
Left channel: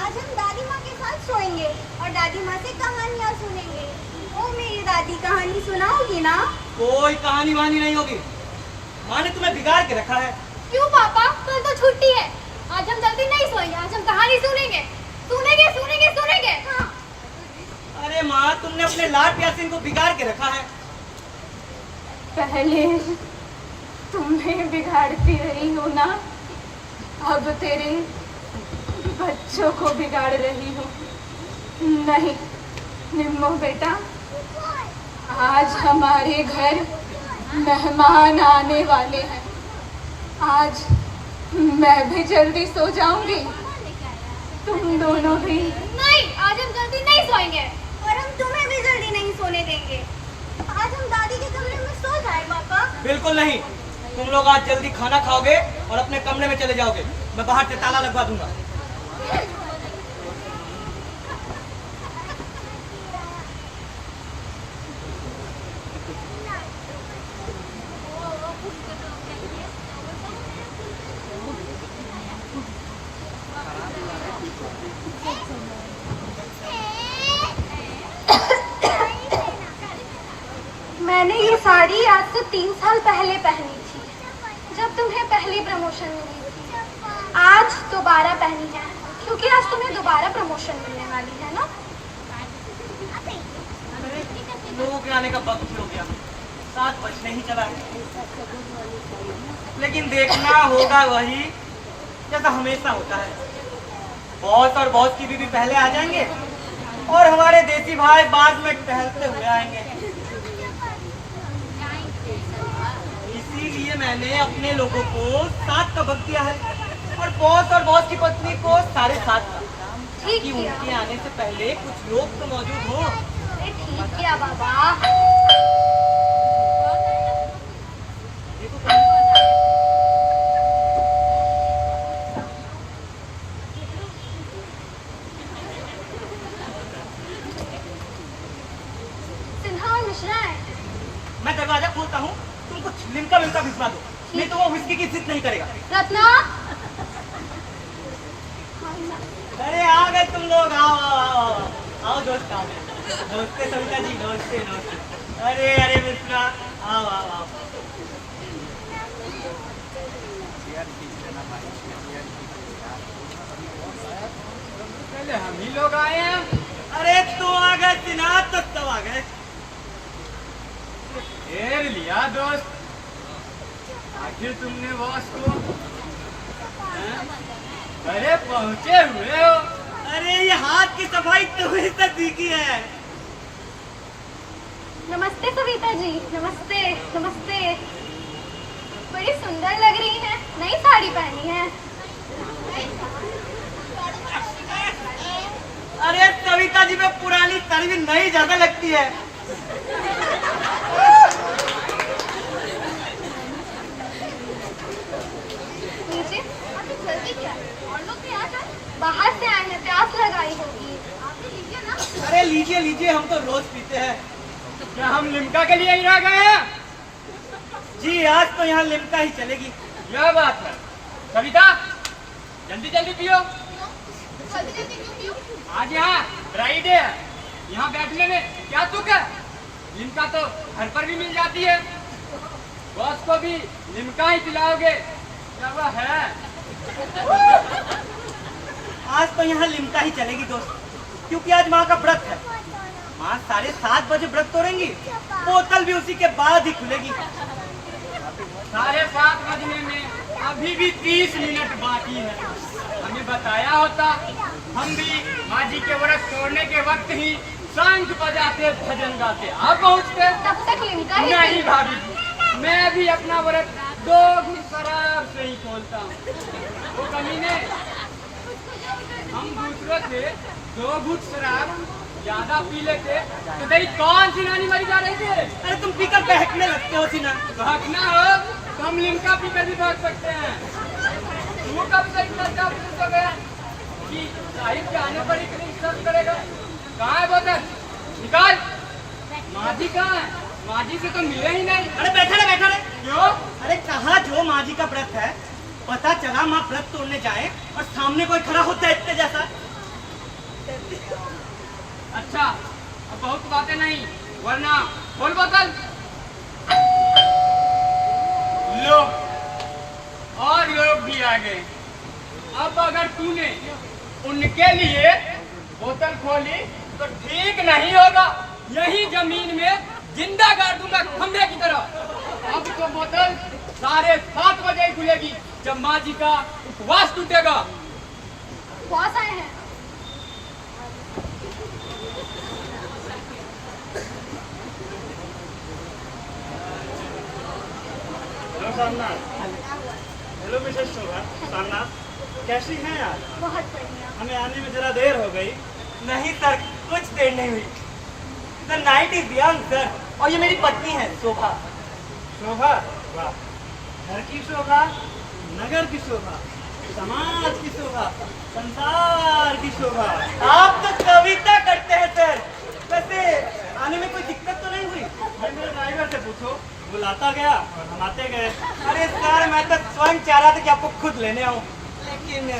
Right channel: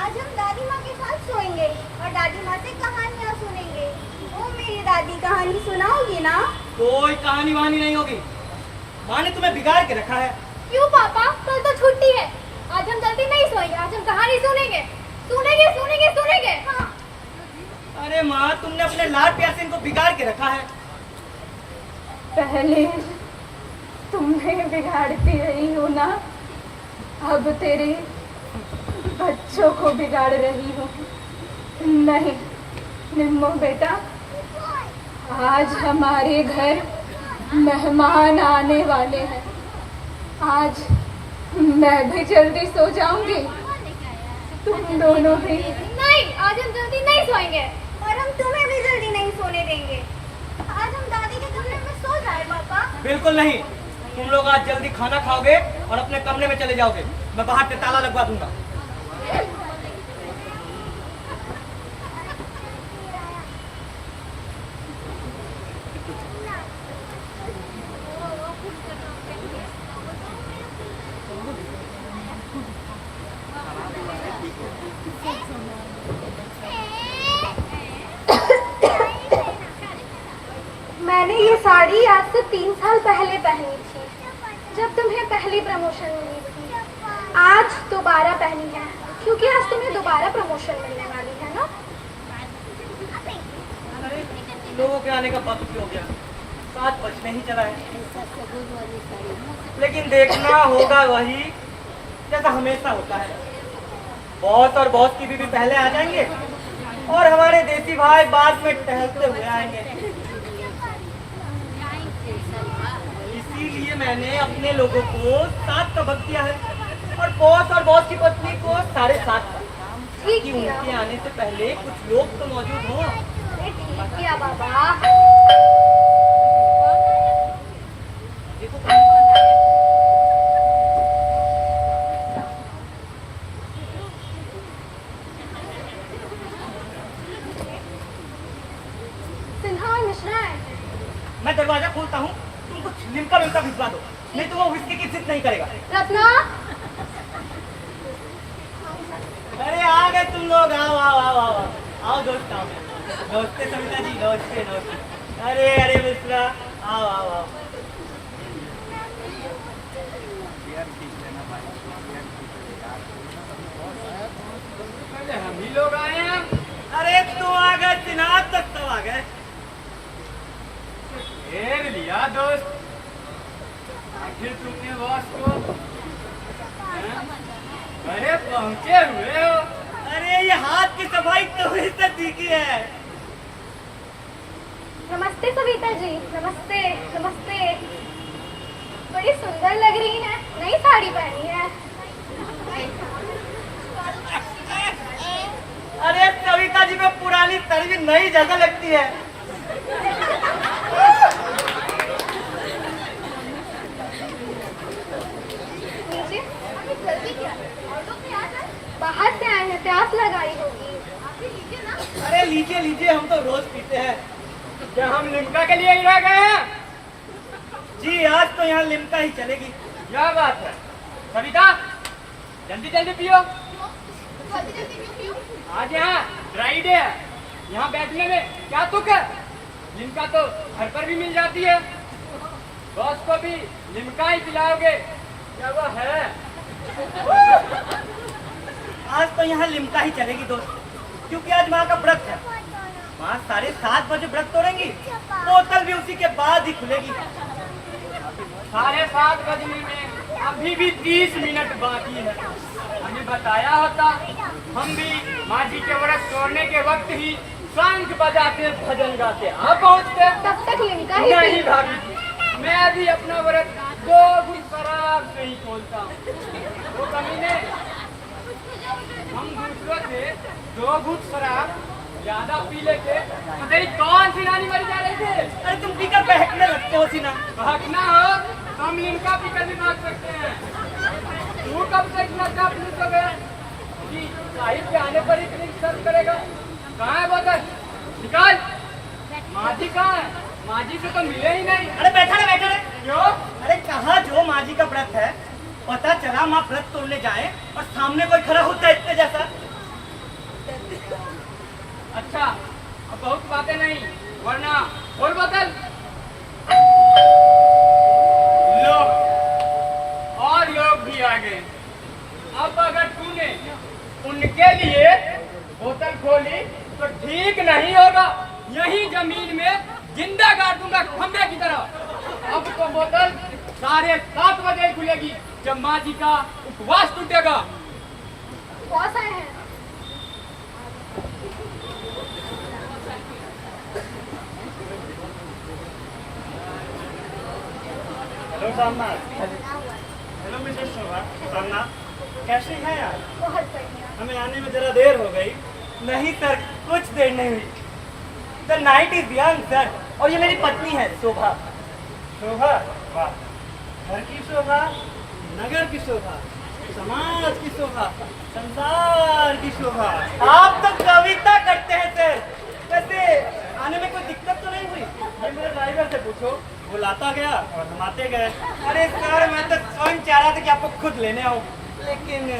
आज हम दादी माँ के साथ सोएंगे और दादी माँ से कहानियाँ सुनेंगे। वो मेरी दादी कहानी सुनाओगी ना? कोई कहानी वहानी नहीं होगी। माँ ने तुम्हें बिगाड़ के रखा है। क्यों पापा, कल तो छुट्टी है। आज हम जल्दी नहीं सोएंगे, आज हम कहानी सुनेंगे। सुनेंगे सुनेंगे सुनेंगे। हाँ। अरे माँ, तुमने अपने लाड प्यार से इनको बिगाड़ के रखा है। पहले तुम्हें बिगाड़ती रही हूँ ना, अब तेरे बच्चों को बिगाड़ रही हूँ। नहीं निम्मो बेटा, आज हमारे घर मेहमान आने वाले हैं। आज मैं भी जल्दी सो जाऊंगी, तुम दोनों भी। नहीं, आज हम जल्दी नहीं सोएंगे। और हम तुम्हें भी जल्दी नहीं सोने देंगे। आज हम दादी के कमरे में सो जाए पापा। बिल्कुल नहीं, तुम लोग आज जल्दी खाना खाओगे और अपने कमरे में चले जाओगे। मैं बाहर से ताला लगवा दूंगा। मैंने ये साड़ी आज से 3 साल पहले पहनी थी, जब तुम्हें पहली प्रमोशन मिली थी। आज दोबारा पहनी है, क्योंकि आज तुम्हें दोबारा प्रमोशन मिलने वाली है ना। अरे लोगों के आने का वक्त ही हो गया, 7 बजने ही चला है। लेकिन देखना होगा वही जैसा हमेशा होता है। बॉस और बॉस की बीवी पहले आ जाएंगे और हमारे देसी भाई बाद में टहलते हुए आएंगे। इसीलिए मैंने अपने लोगों को 7 का वक्त दिया है और बॉस की पत्नी को 7:30, ताकि उनके आने से पहले कुछ लोग तो मौजूद हों। ठीक है बाबा। सिन्हा मिश्रा है। मैं दरवाजा खोलता हूँ, तुम कुछ लिमका विमका भिजवा दो, नहीं तो वो विस्की की जिद नहीं करेगा। रत्ना, तुम लोग आओ आओ आओ आओ आओ दोस्त आओ। नमस्ते सविता जी, नमस्ते नमस्ते। अरे अरे मिश्रा, आओ आओ आओ। पहले हम ही लोग आए हैं। अरे तू आ गए दिनात तक सब आ गए। घेर लिया दोस्त, आखिर तुमने बॉस को घरे पहुंचे हुए हो। अरे ये हाथ की सफाई तुम्हें से सीखी है। नमस्ते सविता जी, नमस्ते नमस्ते। बड़ी सुंदर लग रही है, नई साड़ी पहनी है। अरे सविता जी में पुरानी तड़वी नई जगह लगती है। लीजिए, अभी जल्दी क्या? और लोग भी आ जाए। बाहर से आए हैं, प्यास लगाई होगी। लीजिए ना। अरे लीजिए लीजिए, हम तो रोज पीते हैं। क्या हम लिम्का के लिए ही रह गए हैं? जी आज तो यहाँ लिम्का ही चलेगी। क्या बात है सविता, जल्दी जल्दी पियो। आज यहाँ ड्राई डे है, यहाँ बैठने में क्या तुक है? लिम्का तो घर पर भी मिल जाती है। बॉस को भी लिम्का ही पिलाओगे क्या वह है? आज तो यहाँ लिम्का ही चलेगी दोस्त, क्योंकि आज माँ का व्रत है। माँ 7:30 बजे व्रत तोड़ेंगी, बोतल भी उसी के बाद ही खुलेगी। 7:30 बजने में अभी भी 30 मिनट बाकी है। हमें बताया होता, हम भी माँ जी के व्रत तोड़ने के वक्त ही शंख बजाते भजन गाते आप पहुँचते। तब तक लिम्का ही नहीं पी- भाभी, मैं भी अपना व्रत 2 घूंट शराब से ही खोलता हूँ। वो कमीने, हम दूसरों से 2 घूंट शराब ज्यादा पी लेते तो तेरी कौन सी नानी मरी जा रही थी? अरे तुम पीकर बहकने लगते हो सीना। भागना हो तो हम लिम्का पीकर भी भाग सकते हैं। तू कब से इतना काबुल हो गया कि साहिब के आने पर ही क्लिक सर्च करेगा? कहाँ है बोतल? निकाल। माँ जी कहाँ है? माँ जी से तो मिले ही नहीं। अरे बैठा रे बैठा रे। क्यों? अरे कहाँ जो माँ जी का व्रत है, पता चला माँ व्रत तोड़ने जाए और सामने कोई खड़ा होता है इतने जैसा। अच्छा, अब बहुत बातें नहीं, वरना खोल बोतल। लोग और लोग भी आ गए। अब अगर तूने उनके लिए बोतल खोली तो ठीक नहीं होगा। यही जमीन में जिंदा गाड़ दूंगा खंभे की तरह। अब तो बोतल 7:30 बजे खुलेगी, जब माँ जी का उपवास टूटेगा। बॉस आए हैं। हेलो सामनाथ। हेलो मिसेस शोभा। सामनाथ कैसी हैं आप? बहुत बढ़िया। हमें आने में जरा देर हो गई। नहीं सर, कुछ देर नहीं हुई। The night is young sir. और ये मेरी पत्नी है शोभा। शोभा? वाह, घर की शोभा, नगर की शोभा, समाज की शोभा, संसार की शोभा। आप तो कविता करते हैं सर। वैसे आने में कोई दिक्कत तो नहीं हुई? भाई मेरे ड्राइवर से पूछो, वो लाता गया और हम आते गए। अरे सर मैं तो स्वयं चाह रहा था कि आपको खुद लेने आऊं, लेकिन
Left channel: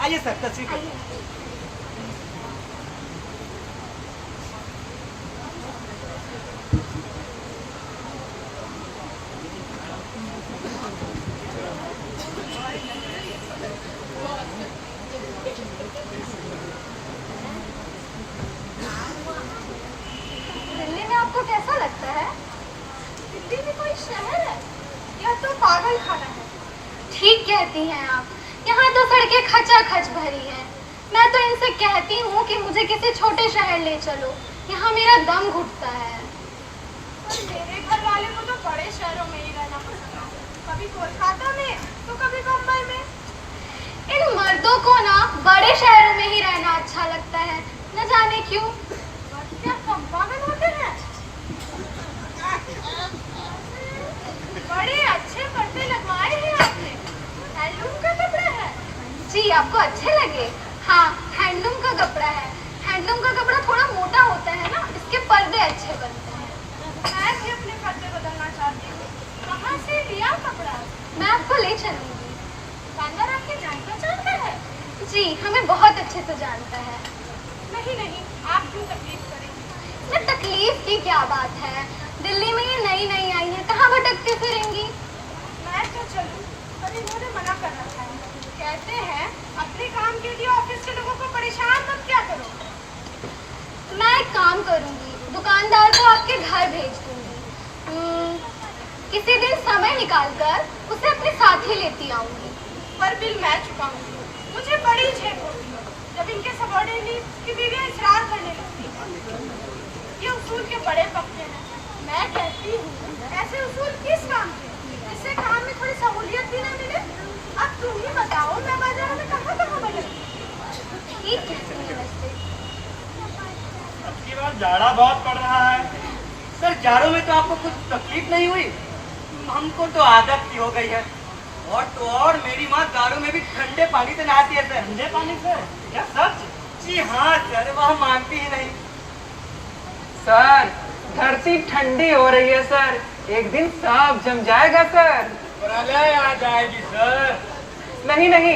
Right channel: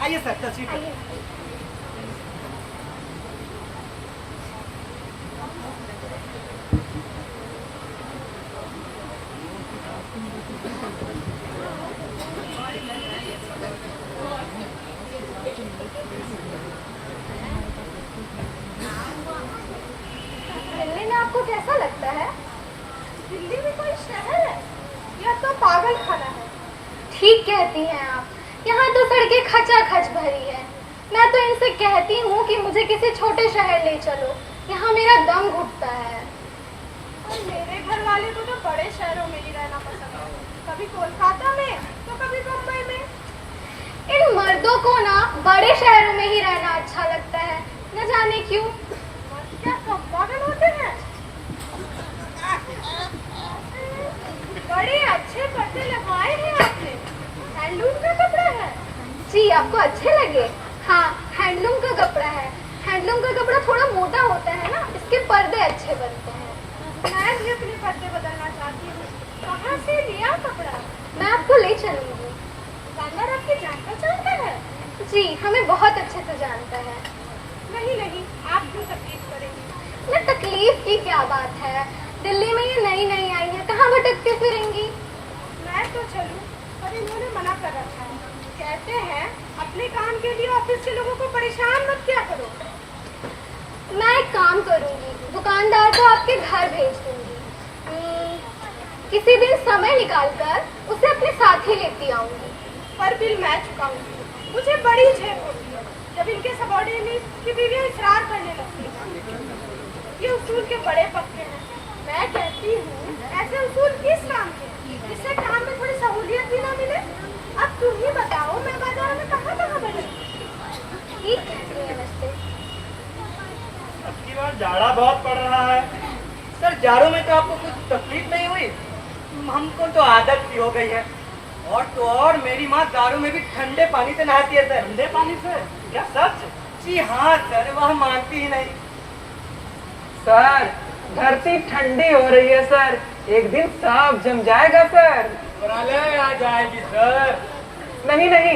आइए सर तस्वीर करिए। दिल्ली में आपको कैसा लगता है? दिल्ली में कोई शहर है या तो पागल खाना है? ठीक कहती हैं आप, यहाँ तो सड़कें खचाखच भरी है। मैं तो इनसे कहती हूँ कि मुझे किसी छोटे शहर ले चलो, यहाँ मेरा दम घुटता है। मेरे घर वाले को तो बड़े शहरों में ही रहना पसंद है, कभी कोलकाता में तो कभी बम्बई में। इन मर्दों को ना बड़े शहर में ही रहना अच्छा लगता है, न जाने क्यों। क्या सब पागल होते हैं? बड़े अच्छे पर्दे लगवाए हैं आपने, हैंडलूम का कपड़ा है। जी आपको अच्छे लगे? हाँ, हैंडलूम का कपड़ा है। हैंडलूम का कपड़ा थोड़ा मोटा होता है ना, इसके पर्दे अच्छे बनते हैं। मैं भी अपने पर्दे बदलना चाहती हूँ। कहाँ से लिया कपड़ा? मैं आपको ले चलूंगी। दुकानदार आपकी जान पहचान का है? जी हमें बहुत अच्छे से जानता है। नहीं नहीं, आप क्यों तकलीफ करेंगे? मैं तकलीफ की क्या बात है, दिल्ली में ये नई नई आई है, कहाँ भटकती फिरेंगी। मैं तो चलूं, पर इन्होंने मना कर रखा है। कहते हैं अपने काम के लिए ऑफिस के लोगों को परेशान मत क्या करो। मैं एक काम करूंगी, दुकानदार को आपके घर भेज दूंगी। किसी दिन समय निकालकर उसे अपने साथ ही लेती आऊंगी। पर बिल मैं चुकाऊंगी। मुझे बड़ी झेल होती है जब इनके सबॉर्डिनेट की बीवियां इसरार करने लगती हैं। ये उसूल के बड़े पक्के हैं। मैं कहती हूँ ऐसे उसूल किस काम के, इससे काम में थोड़ी सहूलियत भी ना मिले। अब तुम ही बताओ, मैं बाजार में कहाँ बदलूं? ठीक कहती है वैसे। आपकी बार जाड़ा बहुत पड़ रहा है सर। जाड़ों में तो आपको कुछ तकलीफ नहीं हुई? हमको तो आदत सी हो गई है। और तो और मेरी माँ जाड़ों में भी ठंडे पानी से नहाती है सर। ठंडे पानी से? क्या सच? जी हाँ सर, वह मानती ही नहीं। सर धरती ठंडी हो रही है सर, एक दिन साफ जम जाएगा सर। प्रलय आ जाएगी सर। नहीं नहीं,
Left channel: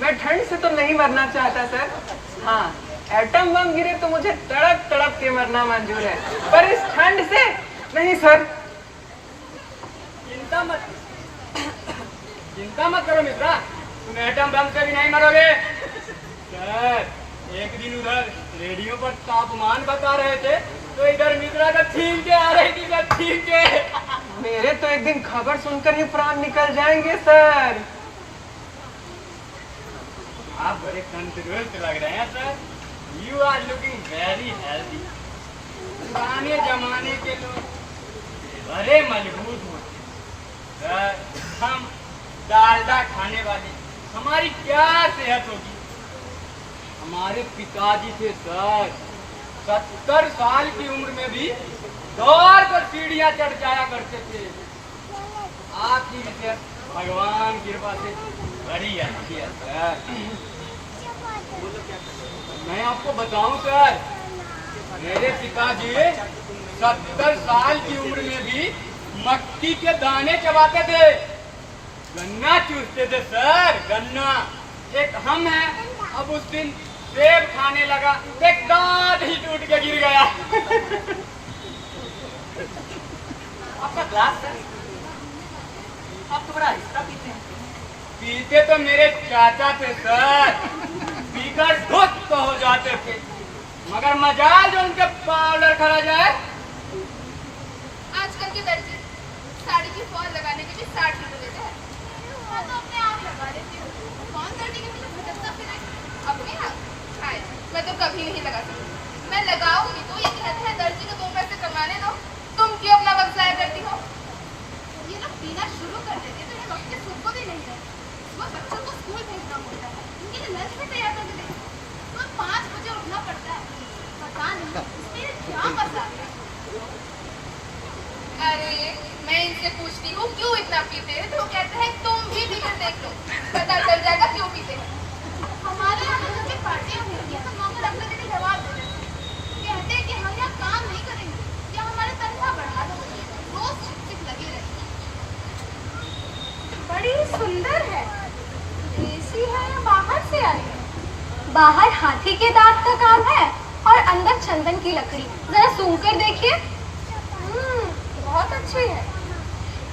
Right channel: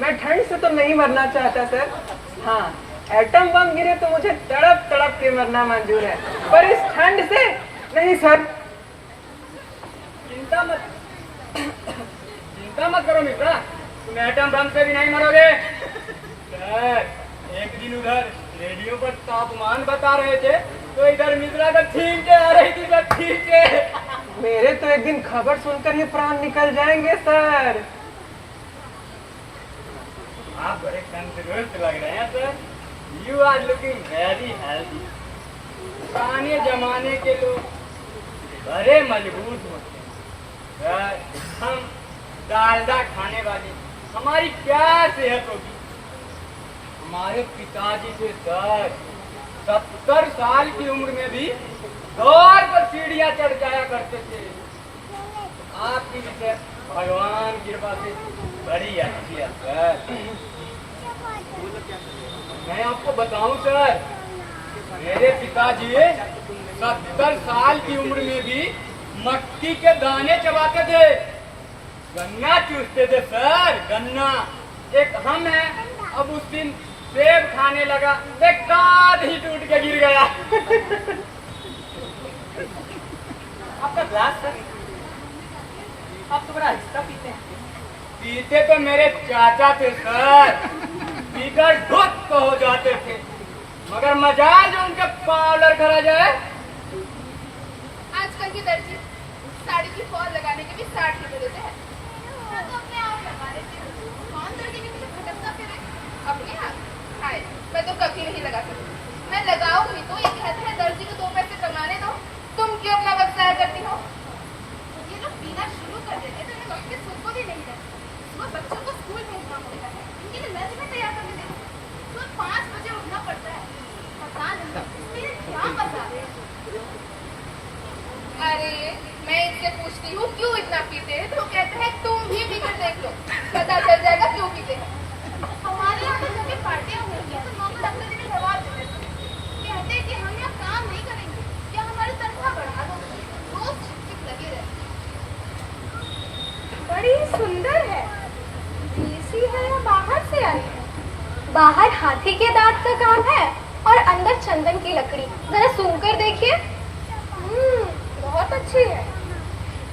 मैं ठंड से तो नहीं मरना चाहता सर। हाँ, एटम बम गिरे तो मुझे तड़प तड़प के मरना मंजूर है, पर इस ठंड से नहीं सर। चिंता मत करो मित्रा, तुम एटम बम से भी नहीं मरोगे। सर एक दिन उधर रेडियो पर तापमान बता रहे थे तो इधर मित्रा का छींके आ रही थी, बस छींके। मेरे तो एक दिन खबर सुनकर ही प्राण निकल जाएंगे सर। आप बड़े तंदुरुस्त लग रहे हैं sir. You are looking very healthy. पुराने जमाने के लोग बड़े मजबूत होते सर। हम डालडा खाने वाले, हमारी क्या सेहत होगी। हमारे पिताजी थे सर, 70 साल की उम्र में भी दौड़ कर सीढ़ियां चढ़ जाया करते थे। आपकी सेहत भगवान की कृपा से बड़ी अच्छी है सर। मैं आपको बताऊं सर, मेरे पिताजी 70 साल की उम्र में भी मक्की के दाने चबाते थे, गन्ना चूसते थे सर, गन्ना। एक हम है, अब उस दिन सेब खाने लगा, एक दांत ही टूट के गिर गया। आपका ग्लास सर, आप तो बड़ा हिस्सा पीते हैं। पीते तो मेरे चाचा थे सर, पीकर धुत हो जाते थे, मगर मजाल जो उनके पाउडर करा जाए। आजकल के दर्जी साड़ी की फॉल लगाने के लिए 60 रुपए देते हैं। मैं तो अपने आप लगा लेती हूँ। कौन दर्जी ने मुझे भटकता फिरे? अपने आप? हाय, मैं तो कभी नहीं लगा सकती। मैं लगाऊंगी तो एक अच्छा दर्जी को 2 पैसे कमाने दो। तुम क्यों अपना वक्त जाया करती हो? ये लोग पीना शुरू कर देते हैं तो ये वक्त के सुबह ही नहीं है। सुबह बच्चों को स्कूल भेजना होता है, इनके लिए लंच भी तैयार करने देते हैं। सुबह 5 बजे उठना पड़ता है। पता नहीं इसमें क्या मजा है। अरे मैं इनसे पूछती हूँ क्यों इतना पीते हैं तो कहते हैं तुम भी पी कर देखो, पता चल जाएगा क्यों पीते हैं। हमारे यहाँ तो कभी पार्टी नहीं है तो लोग अपने दिन जवाब देते हैं। कहते हैं कि हम यहाँ काम नहीं करेंगे, क्या हमारी तनख्वाह बढ़ा दो, रोज चिपचिप लगे रहते। बड़ी सुंदर है। देसी है या बाहर से आई है? बाहर हाथी के दांत का काम है और अंदर चंदन की लकड़ी। जरा सुनकर देखिए। बहुत अच्छी है।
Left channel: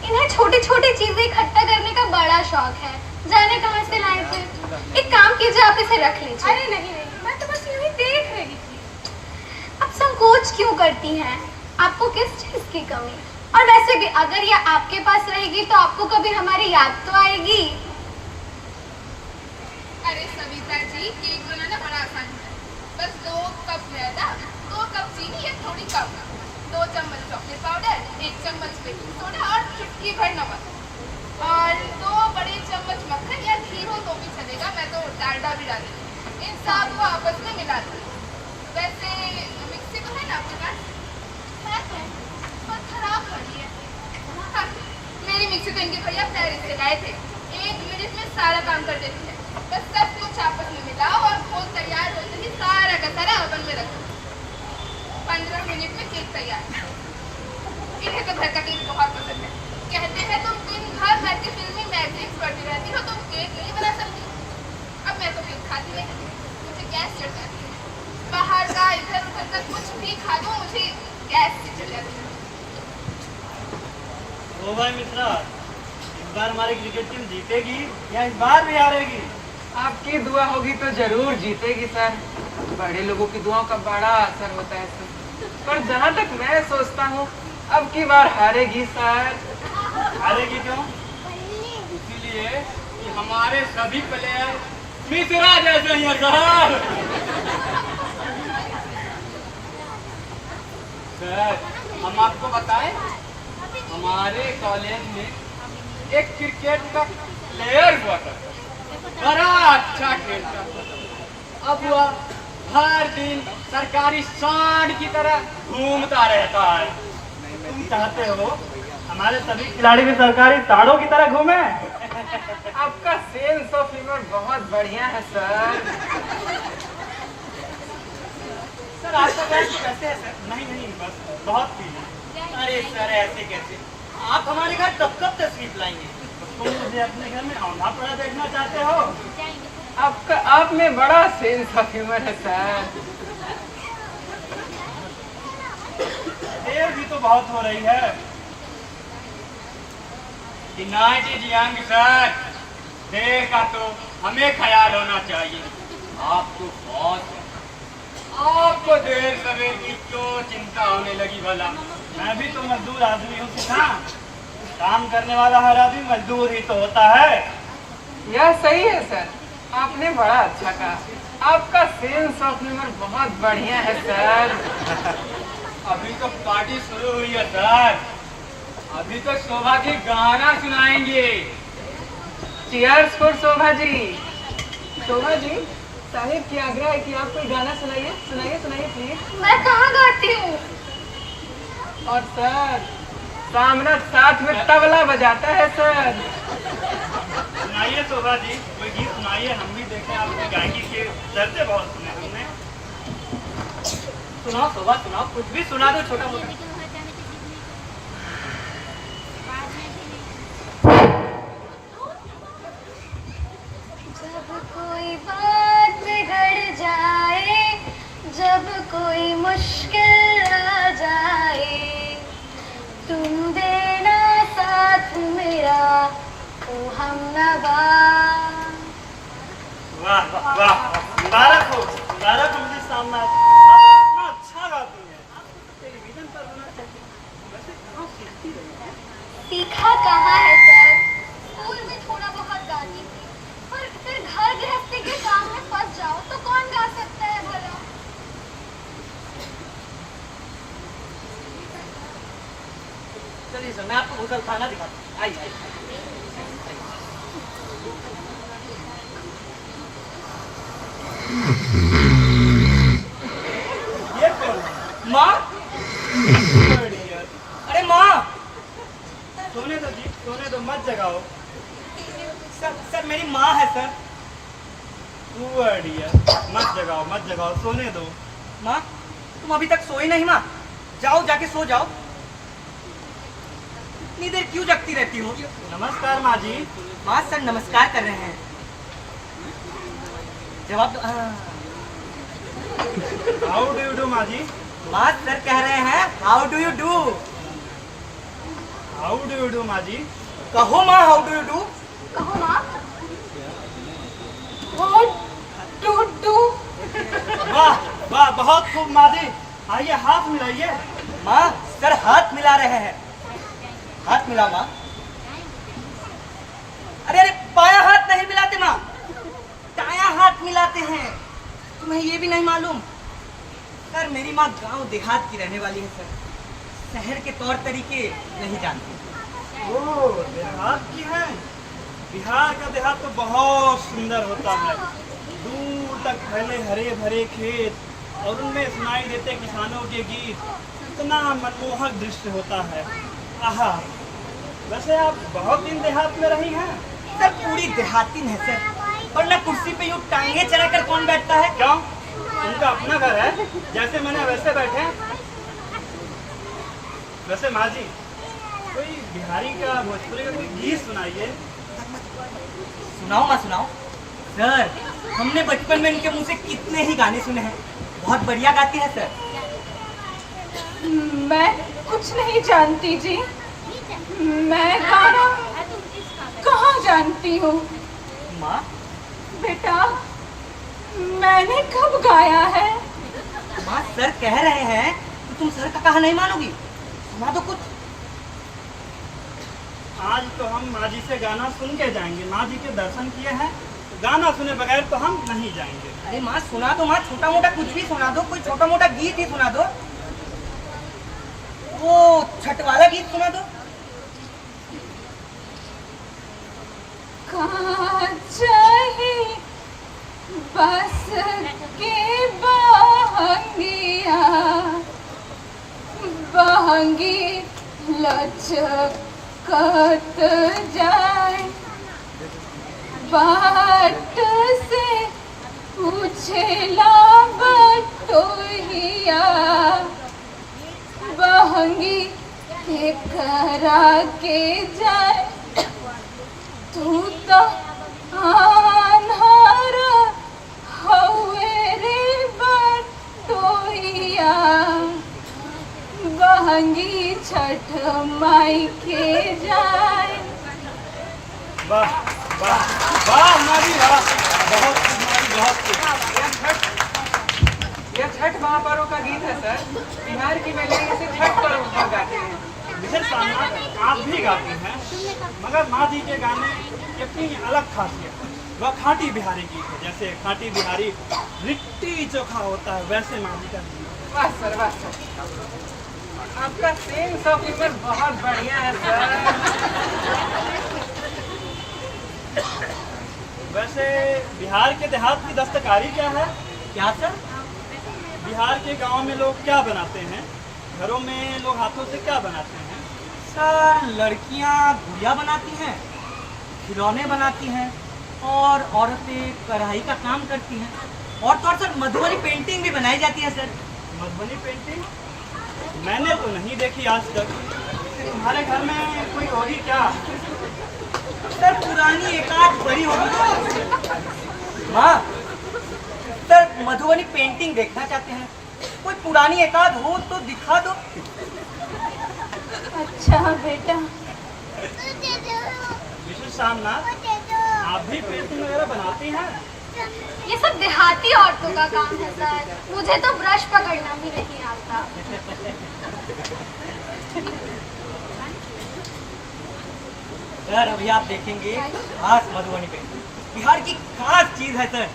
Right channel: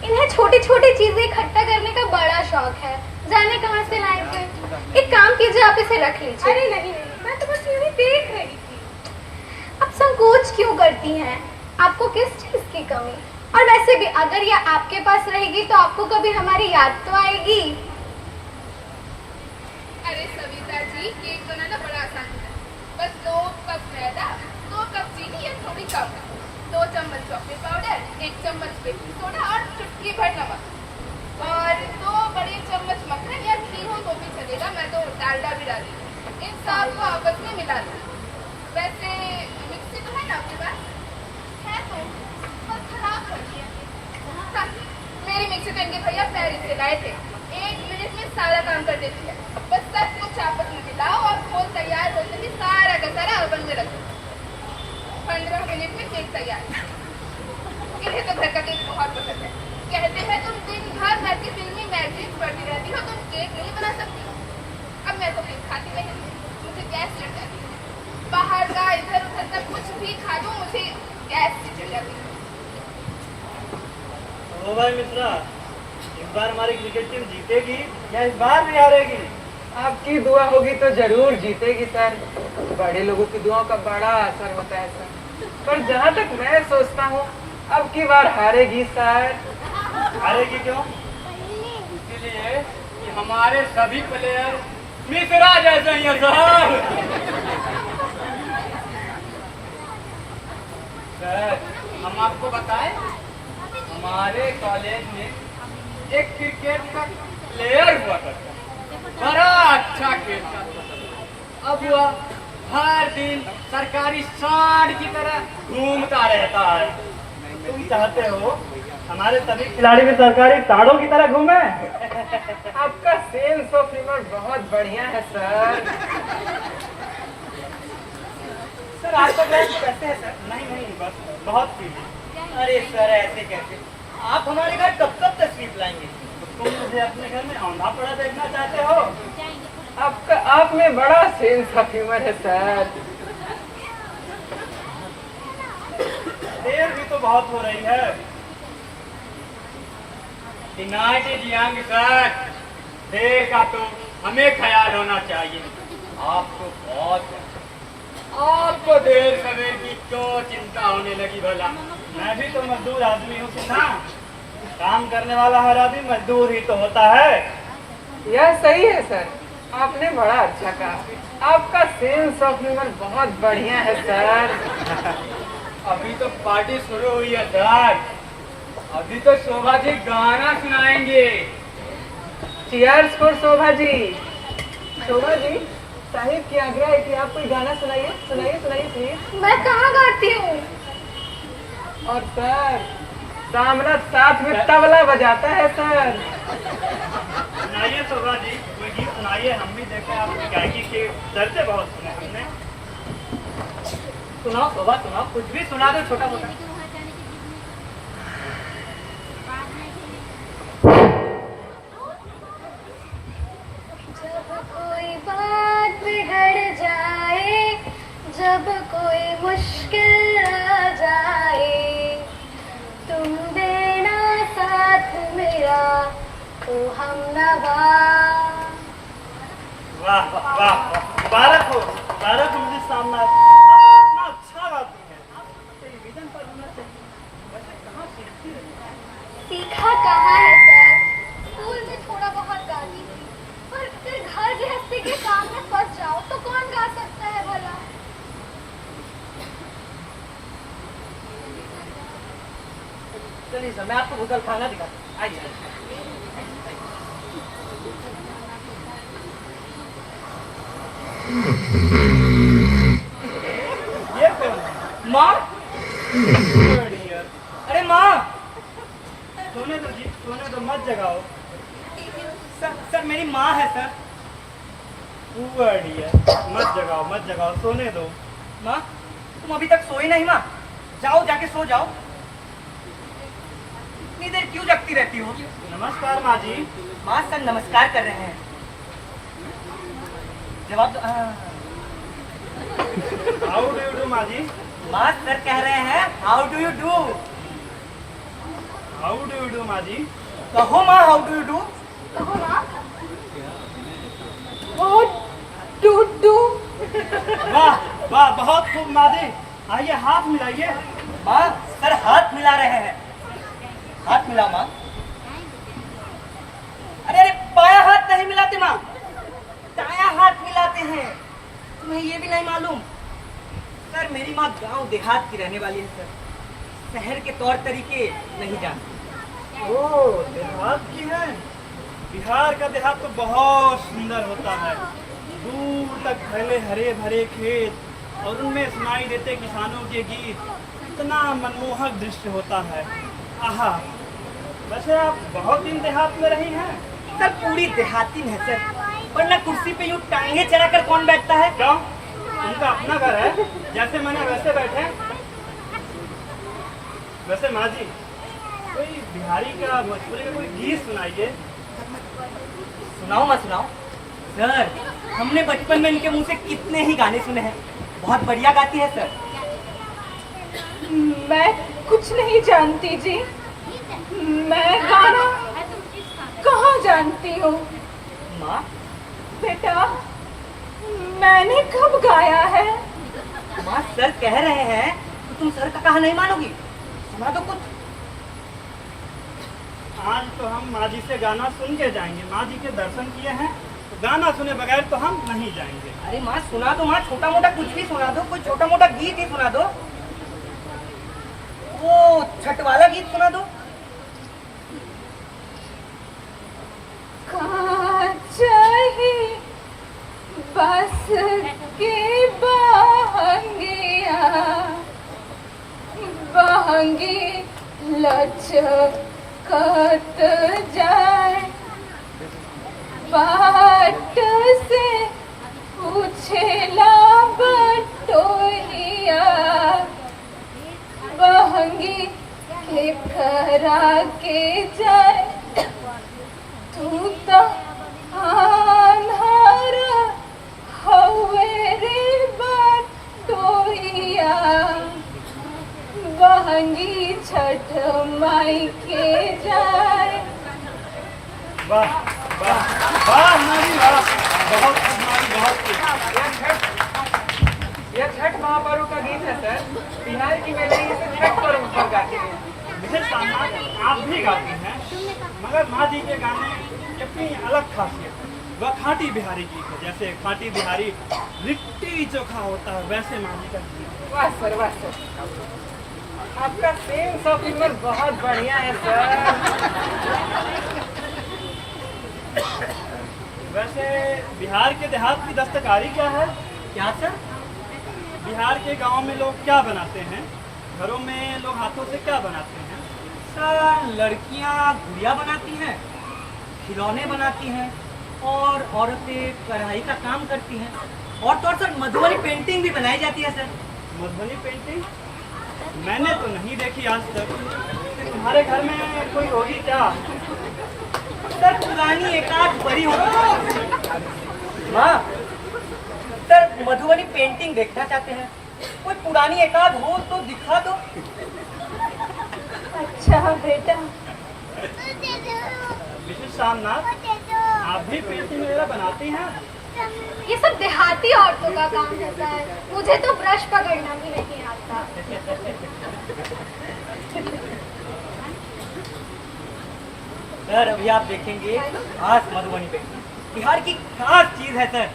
इन्हें छोटी छोटी चीजें इकट्ठा करने का बड़ा शौक है, जाने कहाँ से लाए थे। एक काम कीजिए, आप इसे रख लीजिए। अरे नहीं, मैं तो बस यूं ही देख रही थी। अब संकोच क्यों करती हैं? आपको किस चीज की कमी? और वैसे भी अगर ये आपके पास रहेगी तो आपको कभी हमारी याद तो आएगी। अरे सविता जी, केक बनाना बड़ा आसान है। बस 2 कप मैदा, 2 कप चीनी या थोड़ी कम, 2 चम्मच चॉकलेट पाउडर, 1 चम्मच बेकिंग सोडा और चुटकी भर नमक और 2 बड़े चम्मच मक्खन या घी हो तो भी चलेगा, मैं तो डालडा भी डाली। इन सबको आपस में मिला दूँ। वैसे मिक्सी तो है ना आपके पास? है तो, पर खराब पड़ी है। मेरी मिक्सी तो इनके भैया पेरिस से गए थे, 1 मिनट में सारा काम कर देती है। बस सब कुछ आपस में मिलाओ और वो तैयार होते ही सारा का सारा ओवन में रखो। 15 मिनट में केक तैयार। इन्हें तो घर का केक बहुत पसंद है। कहते हैं तुम दिन भर घर की फिल्मी मैगजीन्स पढ़ती रहती हो, तुम केक नहीं बना सकती। अब मैं तो केक खाती नहीं, मुझे गैस चढ़ जाती है। बाहर का इधर उधर का कुछ भी खा दो, मुझे गैस से चढ़ जाती है। ओ भाई मित्रा, इस बार हमारी क्रिकेट टीम जीतेगी या इस बार भी हारेगी? आपकी दुआ होगी तो जरूर जीतेगी सर। बड़े लोगों की दुआओं का बड़ा असर होता है सर। पर जहाँ तक मैं सोचता हूँ अब की बार हारेगी सर। हारेगी क्यों? इसीलिए कि हमारे सभी प्लेयर मिश्रा जैसे ही हैं सर। सर हम आपको बताएं, हमारे कॉलेज में एक क्रिकेट का प्लेयर हुआ करता, बड़ा अच्छा खेलता। अब वह हर दिन सरकारी सांड की तरह घूमता रहता है। तुम चाहते हो हमारे सभी खिलाड़ी भी सरकारी ताड़ों की तरह घूमे? आपका सेंस ऑफ ह्यूमर बहुत बढ़िया है सर। सर आपका मैच कैसे है सर? नहीं बस बहुत फील। अरे सर ऐसे कैसे? आप हमारे घर कब तशरीफ लाएंगे? तुम मुझे अपने घर में औंधा पड़ा देखना चाहते हो? आप में बड़ा सेंस ऑफ ह्यूमर है सर। देर भी तो बहुत हो रही है। कि नाइट इज यंग सर, देर का तो हमें ख्याल होना चाहिए। आप तो बहुत है, आपको देर समय की क्यों चिंता होने लगी भला? मैं भी तो मजदूर आदमी हूँ किसान। काम करने वाला हर आदमी मजदूर ही तो होता है। यह सही है सर, आपने बड़ा अच्छा कहा। आपका सेंस ऑफ ह्यूमर बहुत बढ़िया है सर। अभी तो पार्टी शुरू हुई है सर। अभी तो शोभा जी गाना सुनाएंगे। Cheers for Shobha ji. शोभा जी, साहिब की आग्रह है कि आप कोई गाना सुनाइए सुनाइए प्लीज। मैं कहाँ गाती हूँ? और सर सामने साथ में तबला बजाता है सर। सुनाइए शोभा जी, कोई गीत सुनाइए, हम भी देखें आपका गायकी के दर्जे बहुत सुना हमने। सुनाओ शोभा, सुनाओ, कुछ भी सुना दो छोटा मोटा। जब कोई बात बिगड़ जाए, जब कोई मुश्किल आ जाए, तुम देना साथ मेरा ओ हमनवा। वाह वाह वाह, मुबारक हो मुझे सामने। आप इतना अच्छा गाती हैं, आप टेलीविजन पर होना चाहिए। वैसे कहाँ सीखती हैं? सीखा कहाँ है सर? स्कूल में थोड़ा बहुत गाती थी, पर फिर घर गृहस्थी के काम में फंस जाओ तो कौन गा सकता है भला? चलिए सर, मैं आपको होटल खाना दिखाता हूँ। आइए। ये कौन है? माँ? अरे माँ, सोने दो जी, सोने दो, मत जगाओ। सर मेरी माँ है सर। मत जगाओ, सोने दो। माँ, तुम अभी तक सोई नहीं माँ? जाओ जाके सो जाओ। इतनी देर क्यों जगती रहती हो? नमस्कार माँ जी। माँ सर नमस्कार कर रहे हैं। जवाब हाउ डू यू डू माँ जी? माँ सर कह रहे हैं how do you do. How do you do माँ जी? कहो माँ हाउ डू यू डू। कहो माँ। वाह वाह, बहुत खूब माँ जी। आइए हाथ मिलाइए। माँ सर हाथ मिला रहे हैं। हाथ मिला माँ। अरे बाया हाथ नहीं मिलाते माँ, दाया हाथ मिलाते हैं। तुम्हें ये भी नहीं मालूम? सर मेरी माँ गांव देहात की रहने वाली है सर, शहर के तौर तरीके नहीं जानती। ओह, देहात की है? बिहार का देहात तो बहुत सुंदर होता है। दूर तक फैले हरे भरे खेत और उनमें सुनाई देते किसानों के गीत, इतना मनमोहक दृश्य होता है। आहा, वैसे आप बहुत दिन देहात में रही हैं? सर पूरी देहाती है सर, वरना कुर्सी पे यूं टांगे चला कर कौन बैठता है? क्यों? उनका अपना घर है, जैसे मैंने वैसे बैठे। वैसे माँ जी, कोई बिहारी का भोजपुरी का कोई गीत सुनाइए। सुनाओ माँ सुनाओ। सर, हमने बचपन में इनके मुंह से कितने ही गाने सुने हैं। बहुत बढ़िया गाती है सर। मैं कुछ नहीं जानती जी। मैं गाना कहाँ जानती हूँ? माँ, बेटा, मैंने कब गाया है? माँ सर कह रहे हैं कि तुम सर का कहा नहीं मानोगी। सुना दो कुछ। आज तो हम माँ जी से गाना सुन के जाएंगे। माँ जी के दर्शन किए हैं तो गाना सुने बगैर तो हम नहीं जाएंगे। अरे माँ सुना दो, माँ छोटा मोटा कुछ भी सुना दो, कोई छोटा मोटा गीत ही सुना दो। वो छठ वाला गीत सुना दो। चाहिए बस के बहंगिया बहंगी लचकत जाए, बाट से पूछेला बटोहिया, बहंगी के करा के जाए, तू तो आन्हर हवे रे बटोहिया, बहंगी छठ माई के जाए। वाह वाह वाह माँ जी वाह, बहुत खूब माँ जी, बहुत खूब। ये छठ महापर्व का गीत है सर। बिहार की महिलाएं इसे छठ पर्व पर गाती हैं। विशेष सम्मान आप भी गाती हैं, मगर माँ जी के गाने की अपनी अलग खासियत है। वह खाटी बिहारी गीत है। जैसे खाटी बिहारी लिट्टी चोखा होता है, वैसे माँ जी का गीत है। वाह सर, वाह सर, आपका सेंस ऑफ ह्यूमर बहुत बढ़िया है सर। वैसे बिहार के देहात की दस्तकारी क्या है? क्या सर? बिहार के गांव में लोग क्या बनाते हैं? घरों में लोग हाथों से क्या बनाते हैं? सर लड़कियां गुड़िया बनाती हैं, खिलौने बनाती हैं, और औरतें कढ़ाई का काम करती हैं, और तो और सर मधुबनी पेंटिंग भी बनाई जाती है सर। मधुबनी पेंटिंग मैंने तो नहीं देखी आज तक। तुम्हारे घर में कोई होगी क्या? सर पुरानी एकाध बड़ी होगी। माँ, सर मधुबनी पेंटिंग देखना चाहते हैं? कोई पुरानी एकाध हो तो दिखा दो। अच्छा बेटा, विशेष सामनाथ, आप भी पेंटिंग वगैरह बनाती हैं? ये सब देहाती औरतों का काम है सर। मुझे तो ब्रश पकड़ना भी नहीं आता। सर अभी आप देखेंगे खास मधुबनी पेंटिंग, बिहार की खास चीज है सर।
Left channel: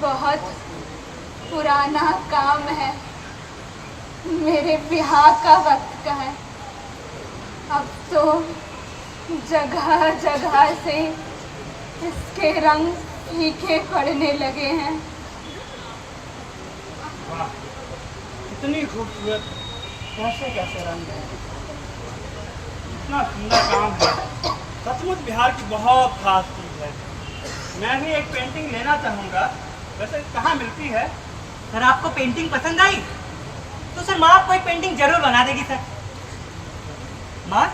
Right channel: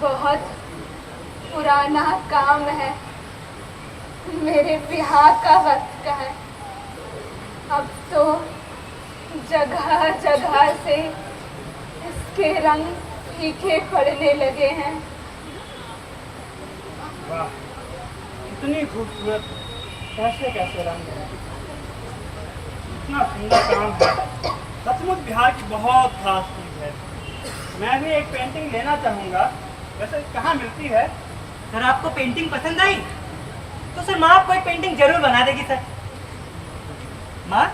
बहुत पुराना काम है, मेरे ब्याह का वक्त का है। अब तो जगह जगह से इसके रंग फीके पड़ने लगे हैं। वाह, कितनी खूबसूरत, कैसे कैसे रंग है, इतना सुंदर काम है। सचमुच बिहार की बहुत खास चीज है। मैं भी एक पेंटिंग लेना चाहूँगा। वैसे कहाँ मिलती है? सर आपको पेंटिंग पसंद आई तो सर माँ आपको एक पेंटिंग जरूर बना देगी सर। माँ,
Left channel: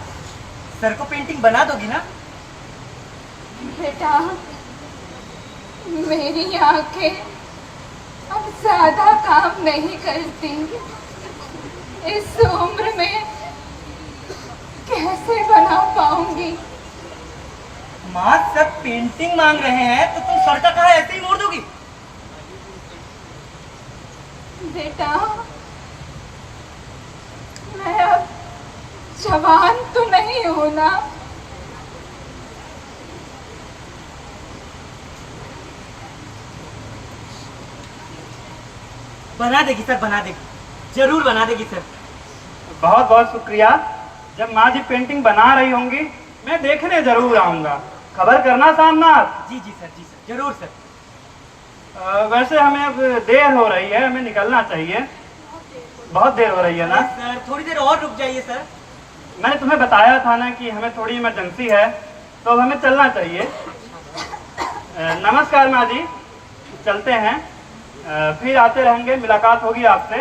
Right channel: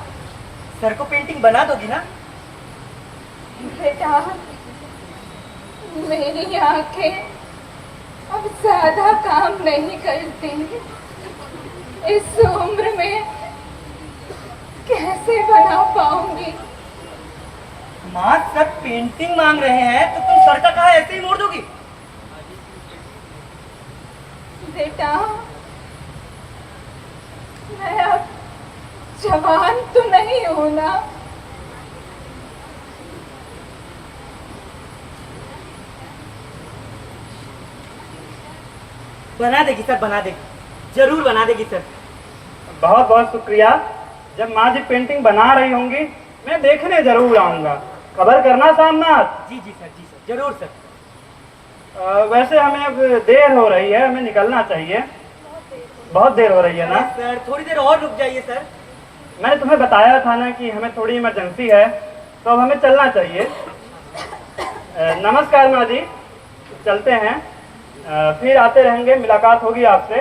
सर को पेंटिंग बना दोगी ना? बेटा, मेरी आंखें अब ज्यादा काम नहीं करती। इस उम्र में कैसे बना पाऊंगी? माँ सर पेंटिंग मांग रहे हैं तो तुम सर का कहा ऐसे ही मोड़ दोगी? बेटा, मैं अब जवान तो नहीं हूं ना। बना देगी सर, बना देगी, जरूर बना देगी सर। बहुत बहुत शुक्रिया। जब माँ जी पेंटिंग बना रही होंगी मैं देखने जरूर आऊँगा। खबर करना सामनाथ। जी जी सर, जी सर, जरूर सर। वैसे हमें अब देर हो रही है, हमें निकलना चाहिए। बहुत देर हो रही है ना? सर थोड़ी देर और रुक जाइए सर। मैंने तुम्हें बताया था ना कि हमें थोड़ी इमरजेंसी है, तो अब हमें चलना चाहिए। नमस्कार माँ जी, चलते हैं। फिर आते रहेंगे, मुलाकात होगी आपसे।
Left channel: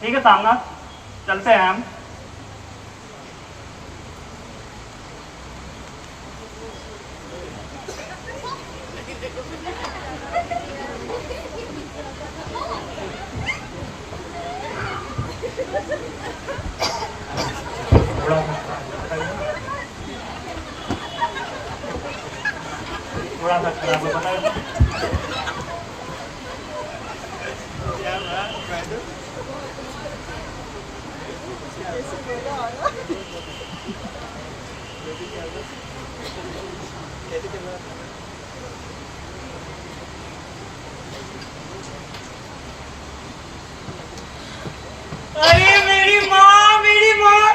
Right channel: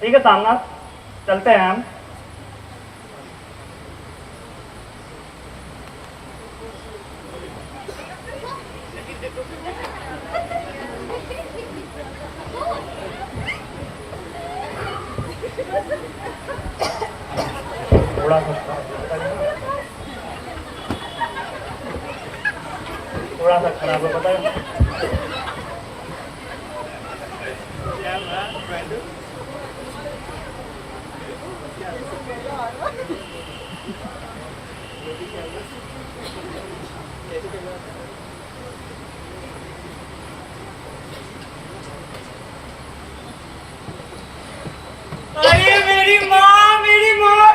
ठीक है सामना, चलते हैं हम। थोड़ा सा खड़ा हो बताइए। अरे मेरी माँ, मेरी माँ,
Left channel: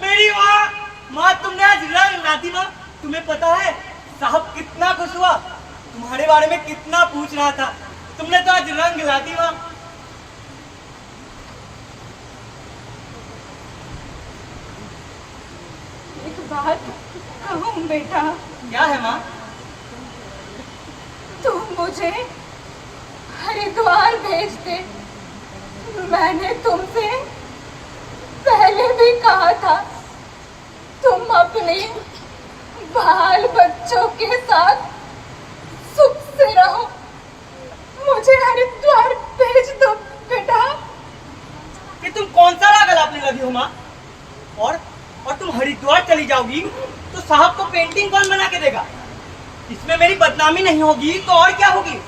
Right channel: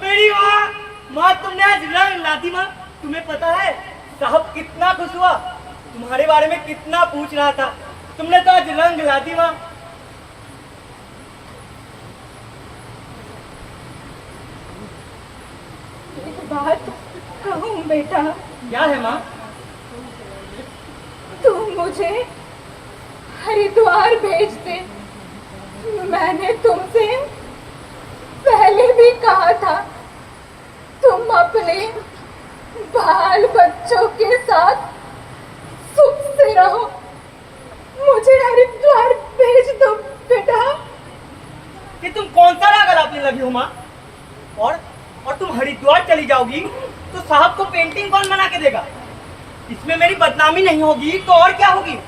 मेरी माँ, माँ तुमने आज रंग ला दी। माँ तुम्हें पता है साहब कितना खुश हुआ, तुम्हारे बारे में कितना पूछ रहा था, तुमने तो आज रंग ला दी। माँ एक बात कहूँ बेटा, क्या है माँ? तुम मुझे हरिद्वार भेज दे। मैंने तुमसे पहले भी कहा था तुम अपने बाल बच्चों के साथ सुख से रहो। मुझे हरिद्वार भेज दो बेटा। कि तुम कौन सा राग अलापने लगी हो माँ? और तुम हरिद्वार चली जाओगी तो साहब को पेंटिंग कौन बना के देगा? इसमें मेरी बदनामी नहीं होगी तो और क्या होगी?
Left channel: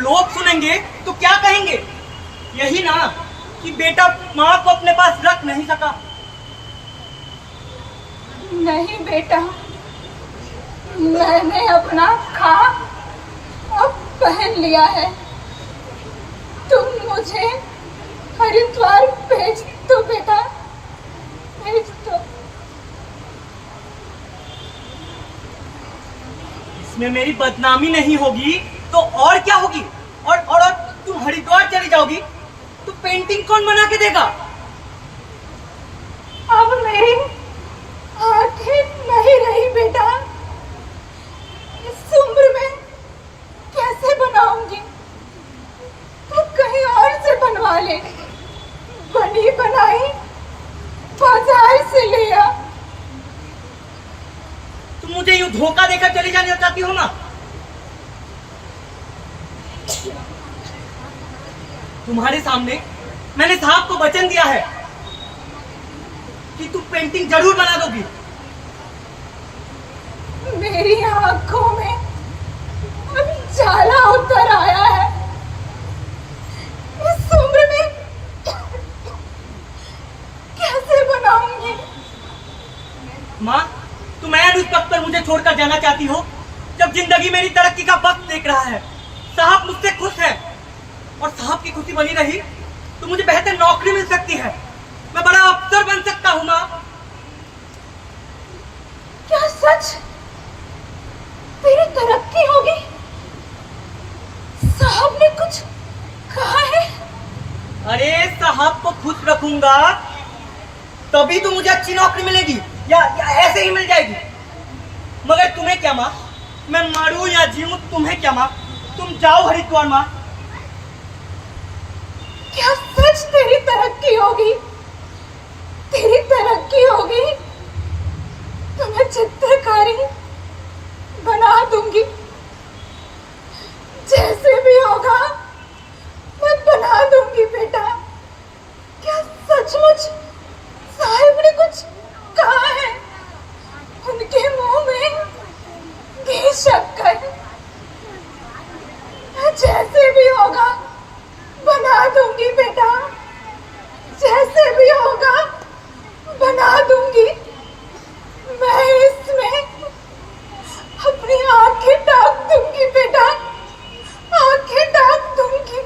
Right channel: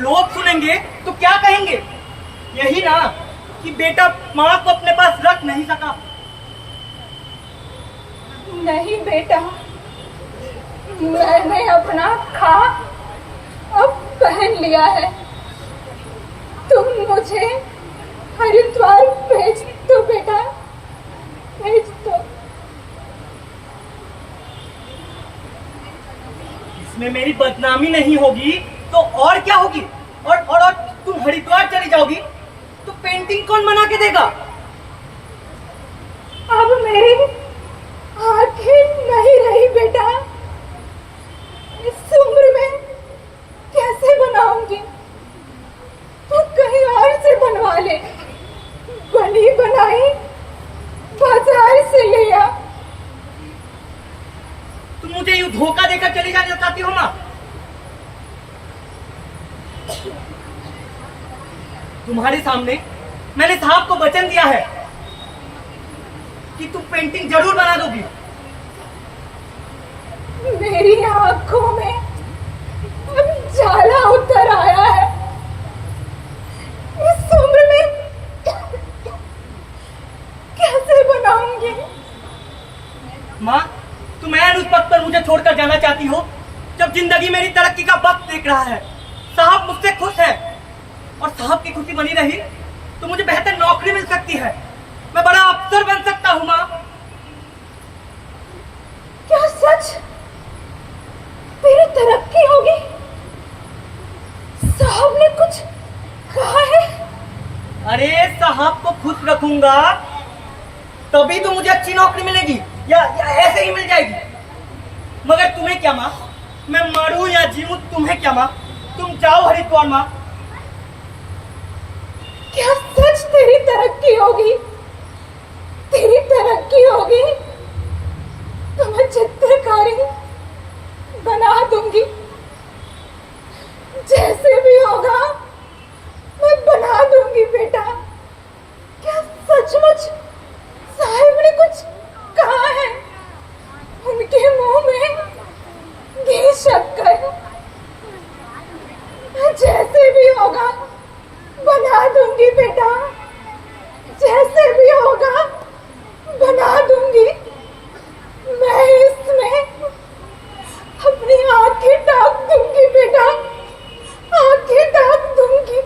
लोग सुनेंगे तो क्या कहेंगे? यही ना कि बेटा माँ को अपने पास रख नहीं सका। नहीं बेटा, मैंने अपना खा अब पहन लिया है। तुम मुझे हरिद्वार भेज दो बेटा, भेज दो। इसमें मेरी बदनामी नहीं होगी तो और क्या होगी? और तुम हरिद्वार चली जाओगी तो पेंटिंग कौन बना के देगा? अब मेरी आंखें नहीं रही बेटा, इस उम्र में कैसे बनाऊंगी? तू कहीं और से बनवा ले। बनी बनाई बाजार से ले आ। तुम मुझे यूं धोखा देकर चली जाना चाहती हो माँ? तुम्हारे सामने मैंने साहब को वचन दिया है कि तुम पेंटिंग जरूर बना दोगी। मेरी आंखों में अब जाला उतर आया है। इस उम्र में कैसे बनाऊंगी? माँ तुम ऐन उस वक्त पर मुझे छोड़कर जाना चाहती हो जब जिंदगी मेरी तरक्की का वक्त देख रहा है। साहब मुझसे खुश है और साहब की खुशी बनी रही तो मुझे बेहतर नौकरी मिल सकती है, मैं बड़ा अफसर बन सकता हूँ। माँ क्या सच तेरी तरक्की होगी? साहब ने कुछ कहा है? अरे साहब को खुश रखूंगा तभी तो मुझे अच्छी नौकरी मिलेगी या ऐसे ही मिल जाएगी। मगर तुम्हें क्या माँ, मैं मरूं या जीऊं तुम्हें क्या माँ? तुम जाओ हरिद्वार माँ। क्या सच तेरी तरक्की होगी? तेरी तरक्की होगी तो मैं चित्रकारी बना दूंगी। जैसे भी होगा मैं बना दूंगी बेटा। क्या सचमुच साहिब ने कुछ कहा है? उनके मुंह में घी शक्कर। जैसे भी होगा बना दूंगी बेटा, जैसे भी होगा बना दूंगी। मैं इसमें अपनी आंखें ढाक दूंगी बेटा, आंखें ढाक दूंगी।